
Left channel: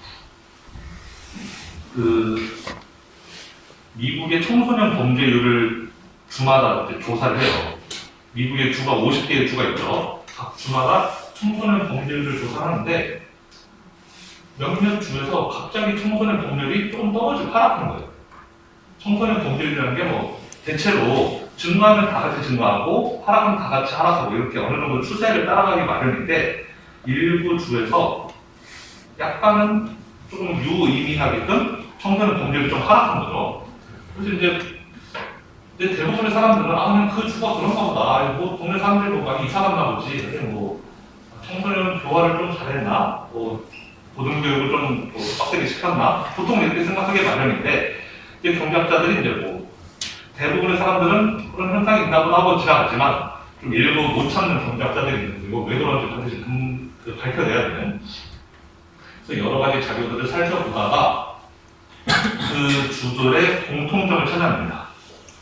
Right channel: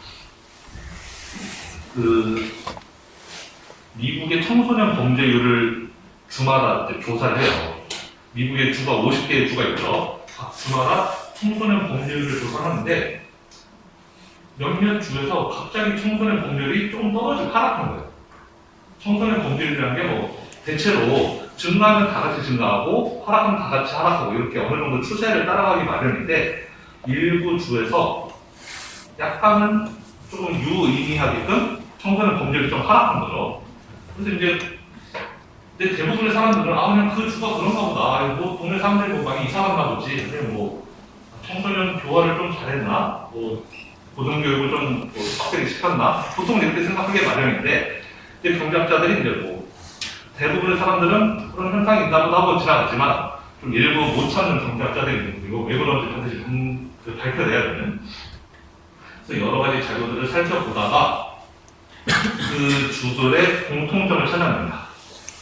그 미국의 청소년 범죄율을 주마다 이제 조사를 해요. 미국의 주가 50개의 주가 있죠. 각 주마다 청소년 범죄율을 조사하는데 몇몇 주에서 갑자기 청소년 범죄율이 조금 떨어지고 하락한 거예요. 청소년 범죄율이라는 게 뭐 대체로 증가하면 다 같이 증가하고 하락하면 다 같이 하락하고 이렇게 어느 정도 추세를 따라가기 마련인데 일부 주에서 약간은 조금 유의미하게끔 청소년 범죄율이 좀 하락한 거죠. 그래서 이제 대부분의 사람들은 그냥 그 주가 그런가 보다. 아니 뭐 동네 사람들 뭐 많이 이사 갔나 보지. 그냥 뭐 청소년 교화를 좀 잘했나? 뭐 고등교육을 좀 빡세게 시켰나? 보통 이렇게 생각하기 마련인데 이제 경제학자들이 이제 뭐 대부분의 사람들은 그런 현상이 있나 보다 하고 지나갔지만 좀 일부 못 찾는 경제학자들이 있는 거고 왜 그런지 반드시 밝혀내야 되는. 그래서 여러 가지 자료들을 살펴보다가 그 주들의 공통점을 찾아냅니다.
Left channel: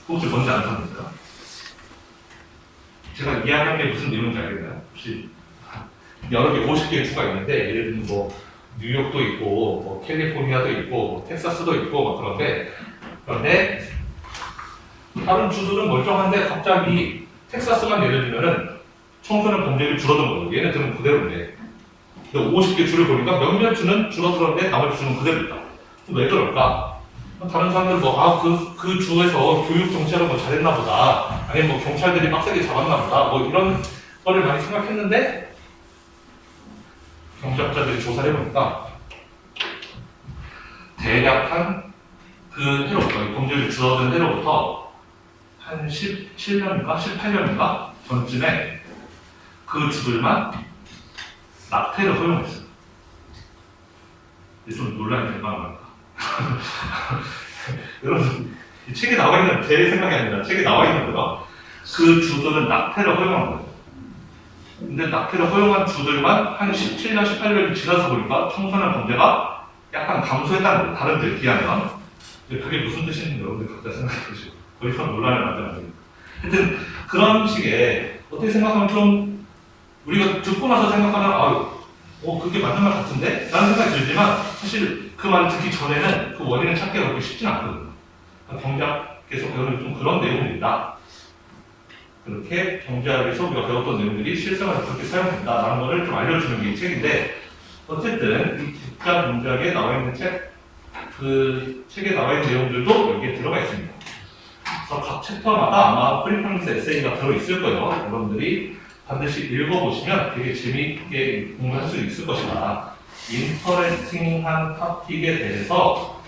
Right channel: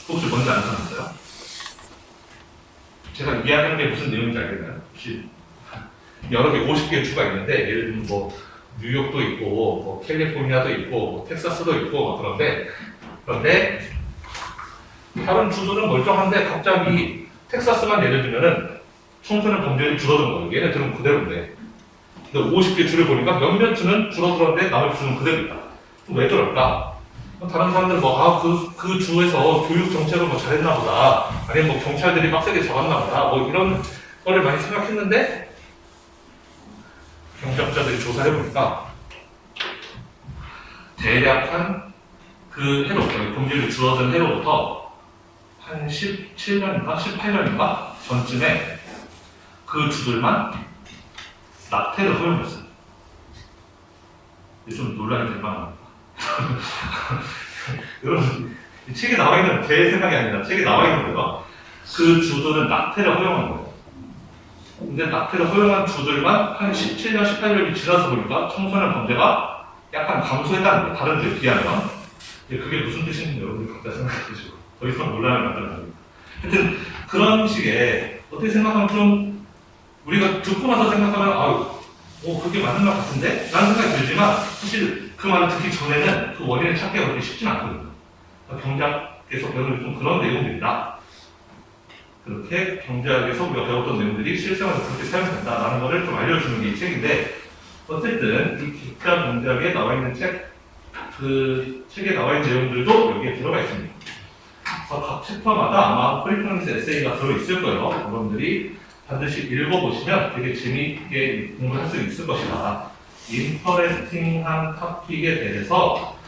혹시 뭔지 안 찾았어요? 제가 이해하는 게 무슨 내용인지 알겠나요? 혹시 여러 개 50개의 주가 있는데 예를 들면 뭐 뉴욕도 있고 뭐 캘리포니아도 있고 뭐 텍사스도 있고 막 그런데 다른 주들은 멀쩡한데 갑자기 텍사스만 예를 들면은 청소년 범죄율이 줄어든 거예요. 얘네들은 그대로인데 50개 주를 보니까 몇몇 주는 줄어들었는데 나머지 주는 그대로 있다. 왜 그럴까? 다른 사람들 그 주에서 교육 정책을 뭐 잘했나 보다. 아니면 뭐 경찰들이 빡세게 잡았나 보다. 뭐 이런 거를 많이 생각했는데 경제학자들이 조사해 보니까 대략 한 그 해로부터 범죄율이 줄어든 해로부터 한 17년인가 18년인가 전쯤에 그 주들만 낙태를 허용했어요. 이게 좀 논란이 될 만합니다. 여러분, 이 책에 나와 있는 제 생각이 아니라 책에 나와 있는 거예요. 그 주들은 낙태를 허용한 거예요. 근데 낙태를 허용한 주들만 한 17년, 18년이 지나서 보니까 청소년 범죄가 약간 감소했다는 거예요. 다른 데에 비하면. 그게 무슨 뜻인지 여러분들 각자 생각해 보시고 더 이상 논란을 만들면 안 됩니다. 하여튼 그런 식의 어떻게 생각하면 좀 우리가 듣고 나서 생각하면 그게 맞는 말 같은데? 라는 생각이 들지만 사실 그 말을 듣기 전에는 그 원인을 찾기가 그렇게 쉽진 않거든요. 경제학에서 배우는 좀 그런 내용들이다. 그렇게 경제학에서 우리가 배웠던 내용들이 실생활에서 그렇게 사용된다라는 것을 좀 알려주는 게 이 책인데 어쨌든 이 기타 경제학에 나와 있는 그 책에 나와 있는 내용들도 여기에 들어가 있습니다. 그래서 각 챕터마다 아마 프리프런스 에세이가 들어있을 거예요. 여러분들이 반드시 읽어보시면 되게 재미있게 공부할 수 있을 것이다. 인터레스팅한 토픽에 대해서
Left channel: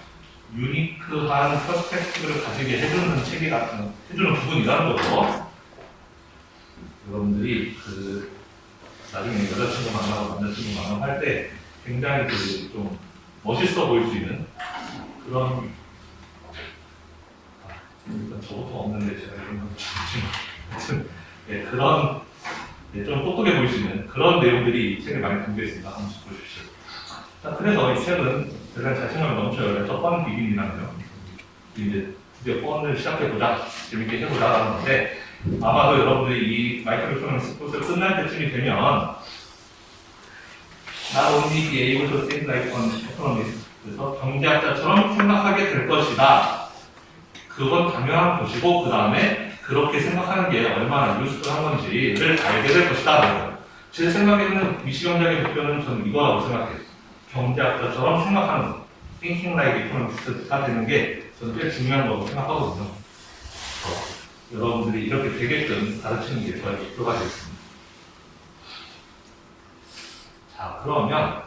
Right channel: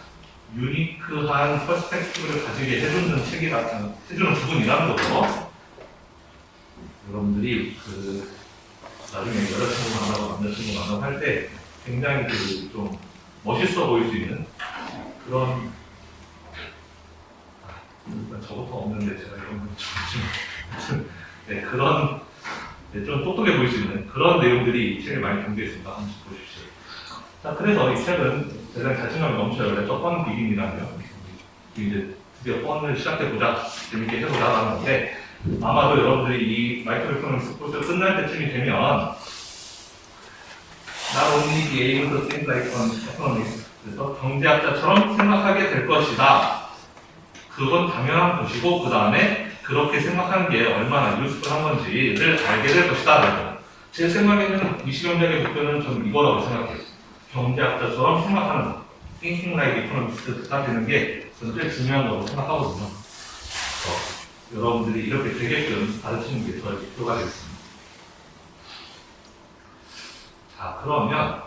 유니크한 퍼스펙티브를 가지게 해주는 해주는 부분이라는 거죠. 여러분들이 나중에 여자친구 만나고 남자친구 만나고 할 때 굉장히 좀 멋있어 보일 수 있는 그런 저것도 없는데 제가 이런 걸 좀 네, 그런 좀 똑똑해 보일 수 있는 그런 내용들이 이 책에 많이 담겨 있습니다. 한번 보십시오. 자, 그래서 이 책은 대단히 자신감이 넘쳐요. 그래서 펀 비긴이라며 이제 드디어 펀을 시작해보자, 재밌게 해보자 하는 건데 아마도 여러분들이 이 마이크로 이코노믹스 코र्스 끝날 때쯤이 되면 not only be able to think like an economist. 그래서 경제학자처럼 생각하게 될 것이다. 그건 당연한 것이고 그 다음에 그렇게 생각하는 게 얼마나 유스풀한 건지를 알게 될 것이다. 제 생각에는 미시경제학의 목표는 저는 이거라고 생각해요. 경제학자처럼 생각하는 thinking like economist가 되는 게 저는 제일 중요한 거라고 생각하거든요. 여러분들이 이렇게 되게끔 가르치는 게 저의 목표가 되겠습니다. 자, 그러면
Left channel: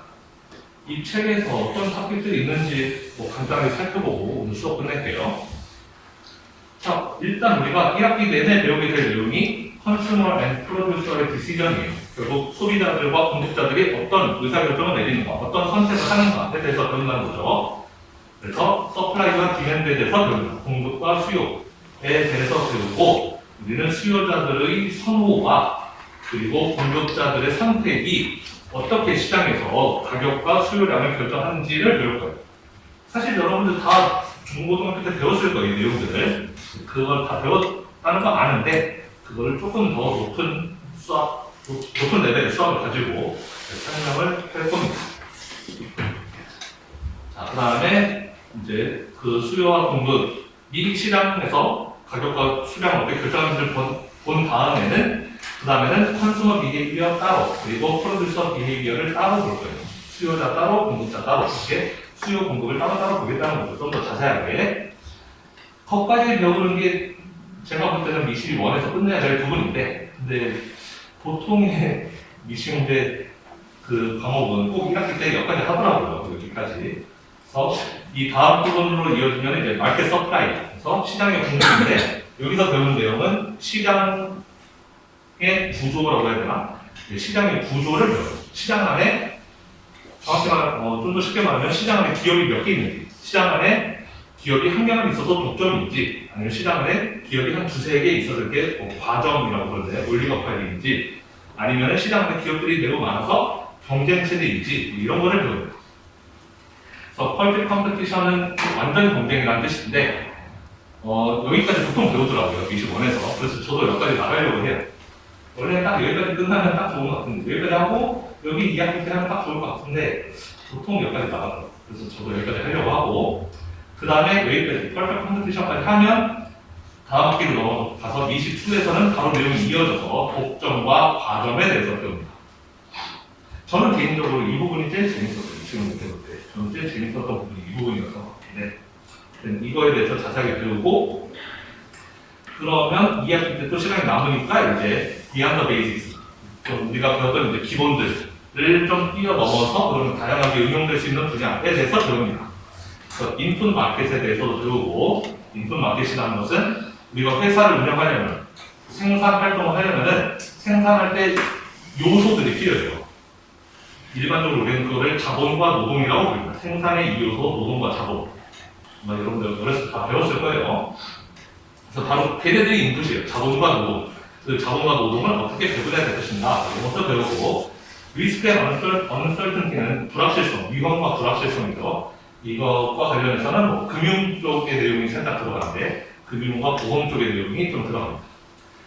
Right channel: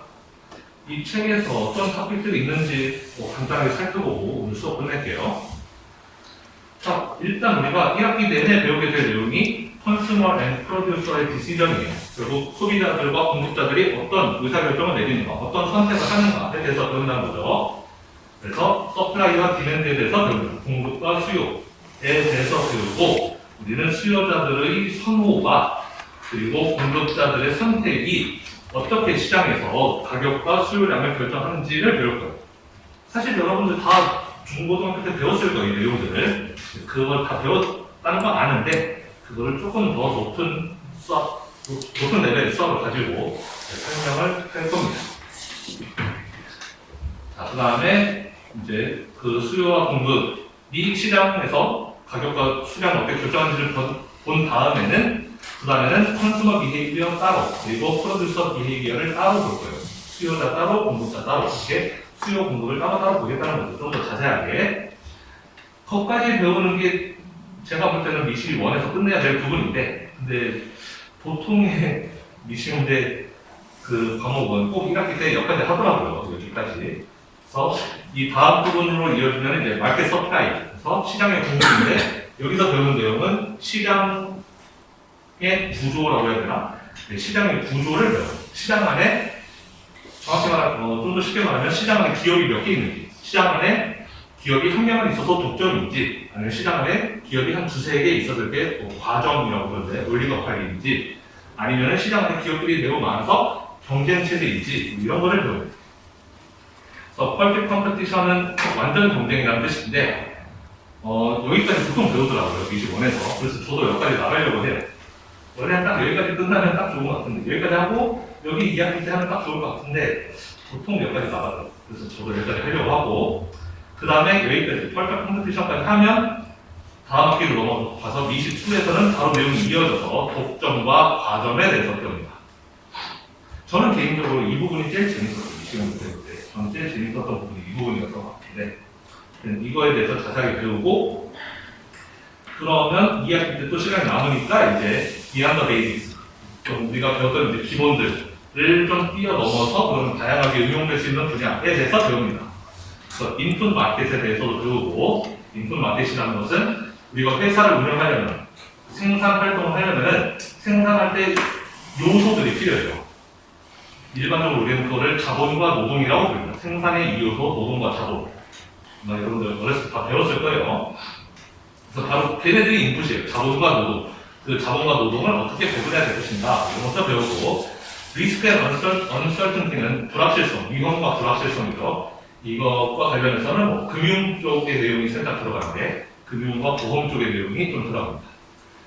이 책에서 어떤 토픽들이 있는지 간단히 살펴보고 오늘 수업 끝낼게요. 자, 일단 우리가 1학기 내내 배우게 될 내용이 Consumer and Producer의 디시전이에요. 결국 소비자들과 공급자들이 어떤 의사결정을 내리는가, 어떤 선택을 하는가에 대해서 배운다는 거죠. 그래서 서플라이와 디맨드에 대해서 배웁니다. 공급과 수요에 대해서 배우고 우리는 수요자들의 선호가 그리고 공급자들의 선택이 어떻게 시장에서 가격과 수요량을 결정하는지를 배울 거예요. 사실 여러분들 다 중고등학교 때 배웠을 거예요, 내용들을. 그걸 다 배웠다는 건 아는데 그거를 조금 더 높은 레벨의 수학을 가지고 설명을 할 겁니다. 자, 그 다음에 이제 그 수요와 공급이 시장에서 가격과 수량을 어떻게 결정하는지를 본 다음에는 그 다음에는 컨슈머 비헤이비어 따로 그리고 프로듀서 비헤이비어를 따로 볼 거예요. 수요자 따로 공급자 따로 이렇게 수요 공급을 따로 보겠다는 거죠. 좀 더 자세하게. 거기까지 배우는 게 제가 볼 때는 미시 1에서 끝내야 될 부분인데 근데 보통의 미시 문제 그 과목은 꼭 1학기 때 여기까지 하더라고요. 여기까지. 그래서 이 다음 부분으로 이어지면 이제 마켓 서플라이. 그래서 시장의 공급인데 여기서 배우는 내용은 시장의 구조라고 해야 되나? 시장의 구조를 배워요. 시장 안에 정확히 말하면 좀 더 쉽게 말하면 시장 안에 기업이 몇 개 있는지, 시장 안에 기업이 한 개만 있어서 독점인지, 아니면 시장 안에 기업이 한 두세 개 있었을 때 과점이라고 그러는데 올리거팔인지, 아니면 시장 안에 기업들이 매우 많아서 경쟁 체제인지 이런 거를 배워요. 그래서 퍼펙트 컴피티션은 완전 경쟁이라는 뜻인데 여기까지 보통 배우더라고요. 미시 1에서. 그래서 저도 여기까지 나가려고 해요. 원래는 딱 여기까지 끝나면 딱 좋은 것 같은데 여기까지 하고 여기 2학기 때 하면 딱 좋을 것 같은데 보통 여기까지 나가더라고요. 그래서 저도 여기까지 하려고 하고 그 다음에 여기까지 퍼펙트 컴피티션까지 하면 다음 학기로 넘어가서 미시 2에서는 바로 내용이 이어져서 독점과 과점에 대해서 배웁니다. 저는 개인적으로 이 부분이 제일 재밌었어요. 시험 배울 때. 저는 제일 재밌었던 부분이 이 부분이었던 것 같은데 이거에 대해서 자세하게 배우고 그러면 2학기 때 또 시간이 남으니까 이제 Beyond the Basics 좀 우리가 배웠던 이제 기본들을 좀 뛰어넘어서 그러면 다양하게 응용될 수 있는 분야에 대해서 배웁니다. 그래서 인풋 마켓에 대해서도 배우고 인풋 마켓이라는 것은 우리가 회사를 운영하려면 생산 활동을 하려면은 생산할 때 요소들이 필요해요. 일반적으로 우리는 그거를 자본과 노동이라고 부릅니다. 생산의 2요소 노동과 자본. 아마 여러분들 어렸을 때 다 배웠을 거예요. 그래서 바로 걔네들이 인풋이에요. 자본과 노동. 그 자본과 노동을 어떻게 배분해야 될 것인가 이런 것도 배우고 리스크 앤 언설튼티는 불확실성, 위험과 불확실성이죠. 이것과 관련해서는 뭐 금융 쪽의 내용이 살짝 들어가는데 금융과 보험 쪽의 내용이 좀 들어갑니다.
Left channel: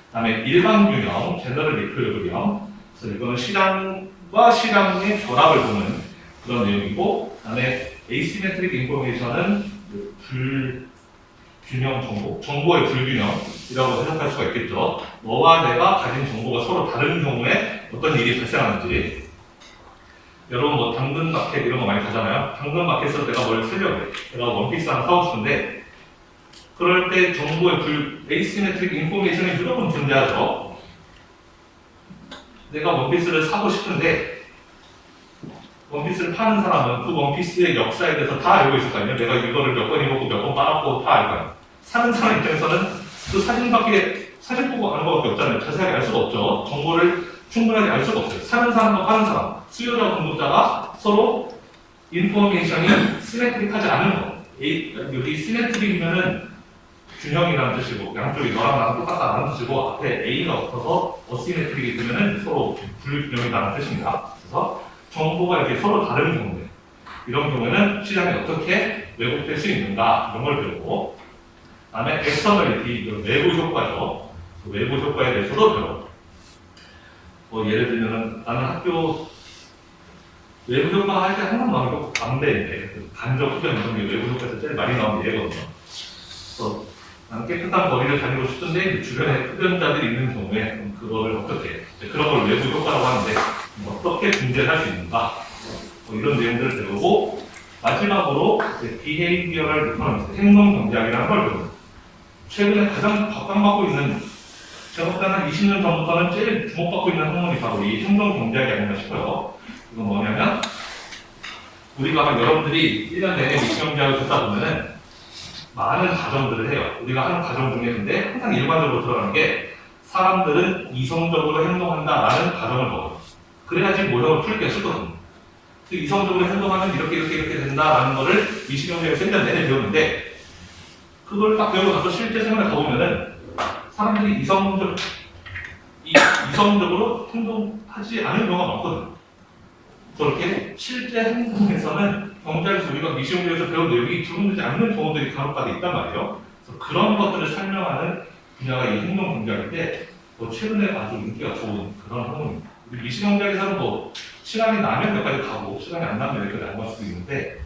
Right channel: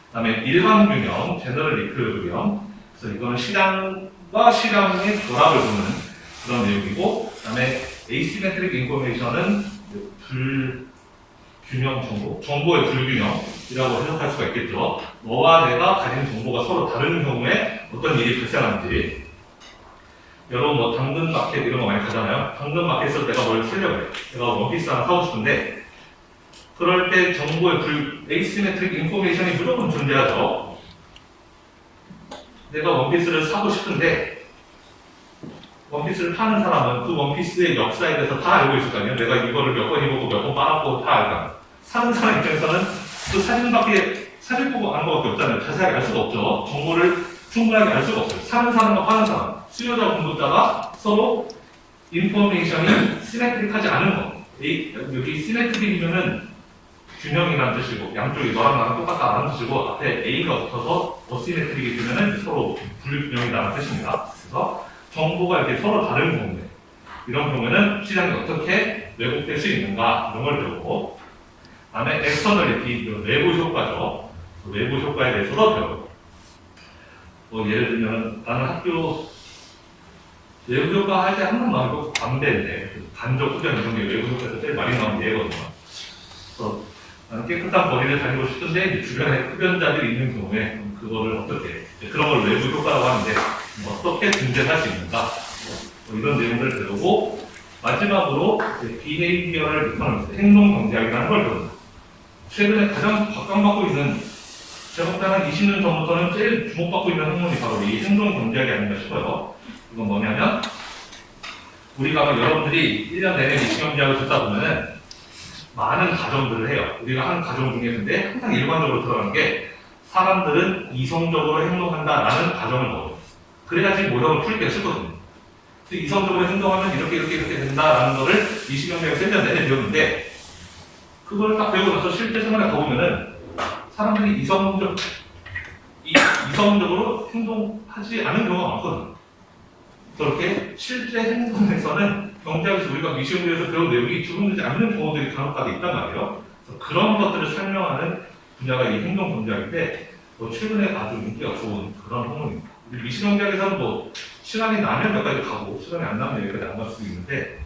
그 다음에 일반 균형, 제너럴 이퀄리브리엄. 그래서 이거는 시장과 시장의 결합을 보는 그런 내용이고 그 다음에 에이시메트릭 인포메이션은 불균형 정보의 불균형이라고 해석할 수가 있겠죠. 너와 내가 가진 정보가 서로 다른 경우에 어떤 일이 발생하는지. 여러분 뭐 당근 마켓 이런 거 많이 가잖아요. 당근 마켓에서 내가 뭘 쓰려고 해. 내가 원피스 하나 사고 싶은데 그럴 때 정보의 에이시메트릭 인포메이션이 무조건 존재하죠. 내가 원피스를 사고 싶은데 원피스를 파는 사람은 그 원피스의 역사에 대해서 다 알고 있을 거 아니에요. 내가 이거를 몇 번 입었고 몇 번 빨았고 다 알 거 아니에요. 사는 사람 입장에서는 그 사진 보고 아는 것밖에 없잖아요. 자세하게 알 수가 없죠. 정보를 충분하게 알 수가 없어요. 사는 사람과 파는 사람, 수요자 공급자가 서로 인포메이션이 시메트릭하지 않은 거. 여기 시메트릭이면은 균형이라는 뜻이고 양쪽이 너랑 나랑 똑같다는 뜻이고 앞에 A가 붙어서 어시메트릭이 되면은 서로 불균형이라는 뜻입니다. 그래서 정보가 이렇게 서로 다른 경우에 이런 경우에는 시장이 어떻게 왜곡될 수 있는가 이런 걸 배우고 그 다음에 엑스터널리티, 외부 효과죠. 외부 효과에 대해서도 배우고 예를 들면 나는 학교 외부 효과 할 때 항상 나오는 게 담배인데 간접 흡연 이런 게 외부 효과에서 제일 많이 나오는 예거든요. 그래서 나는 깨끗한 거리를 다니고 싶은데 주변에 흡연자들이 있는 경우에 그거를 어떻게 그런 걸 외부 효과라고 하는데 어떻게 중재할 수 있는가 뭐 이런 내용들을 배우고 마지막으로 비헤이비어럴 이코노미스트 행동 경제학이라는 걸 배웁니다. 최근에 가장 각광받고 있는 제가 볼때 한 20년 전부터는 제일 주목받고 있는 학문이 바로 이 행동 경제학이 아닌가 싶어요. 이건 뭐냐면 우리가 아마 여러분들이 1년 내내 미시경제학을 듣다 보면은 많은 가정들을 해요. 우리가 하는 가정 중에 근데 항상 일반적으로 들어가는 게 사람들은 이성적으로 행동한다라는 가정을 넣어요. 그래야지 모형을 풀기가 쉽거든요. 이성적으로 행동하면 이렇게 된다라는 거를 미시경제학에서 1년 내내 배우는데 그걸 딱 배우고 나서 실제 생활에 가보면은 사람들이 이성적으로 행동하지 않은 경우가 많거든요. 그렇게 실제 행동에서는 경제학에서 우리가 미시경제에서 배운 내용이 적용되지 않는 경우들이 간혹가다 있단 말이에요. 그래서 그런 것들을 설명하는 분야가 이 행동 경제학인데 최근에 아주 인기가 좋은 그런 학문입니다. 우리 미시경제학에서는 뭐 시간이 나면 몇 가지 가고 시간이 안 나면 여기까지 안 갈 수도 있는데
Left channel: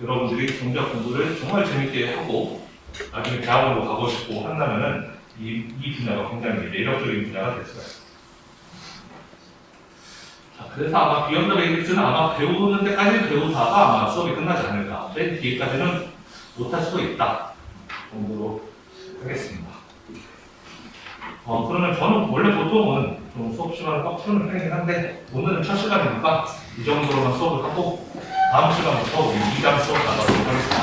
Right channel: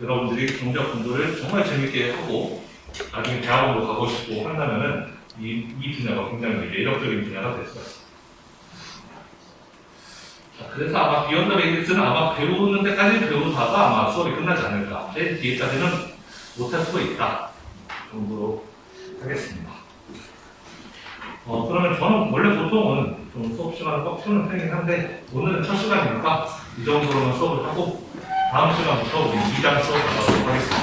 여러분들이 경제학 공부를 정말 재밌게 하고 나중에 대학원으로 가고 싶고 한다면은 이 분야가 굉장히 매력적인 분야가 될 수가 있습니다. 자, 그래서 아마 비욘드 베이직스는 아마 배우는 데까지 배우다가 아마 수업이 끝나지 않을까. 맨 뒤에까지는 못할 수도 있다 정도로 하겠습니다. 그러면 저는 원래 보통은 좀 수업 시간을 꽉 채우는 편이긴 한데 오늘은 첫 시간이니까 이 정도로만 수업을 하고 다음 시간부터 우리 2장 수업 나가도록 하겠습니다.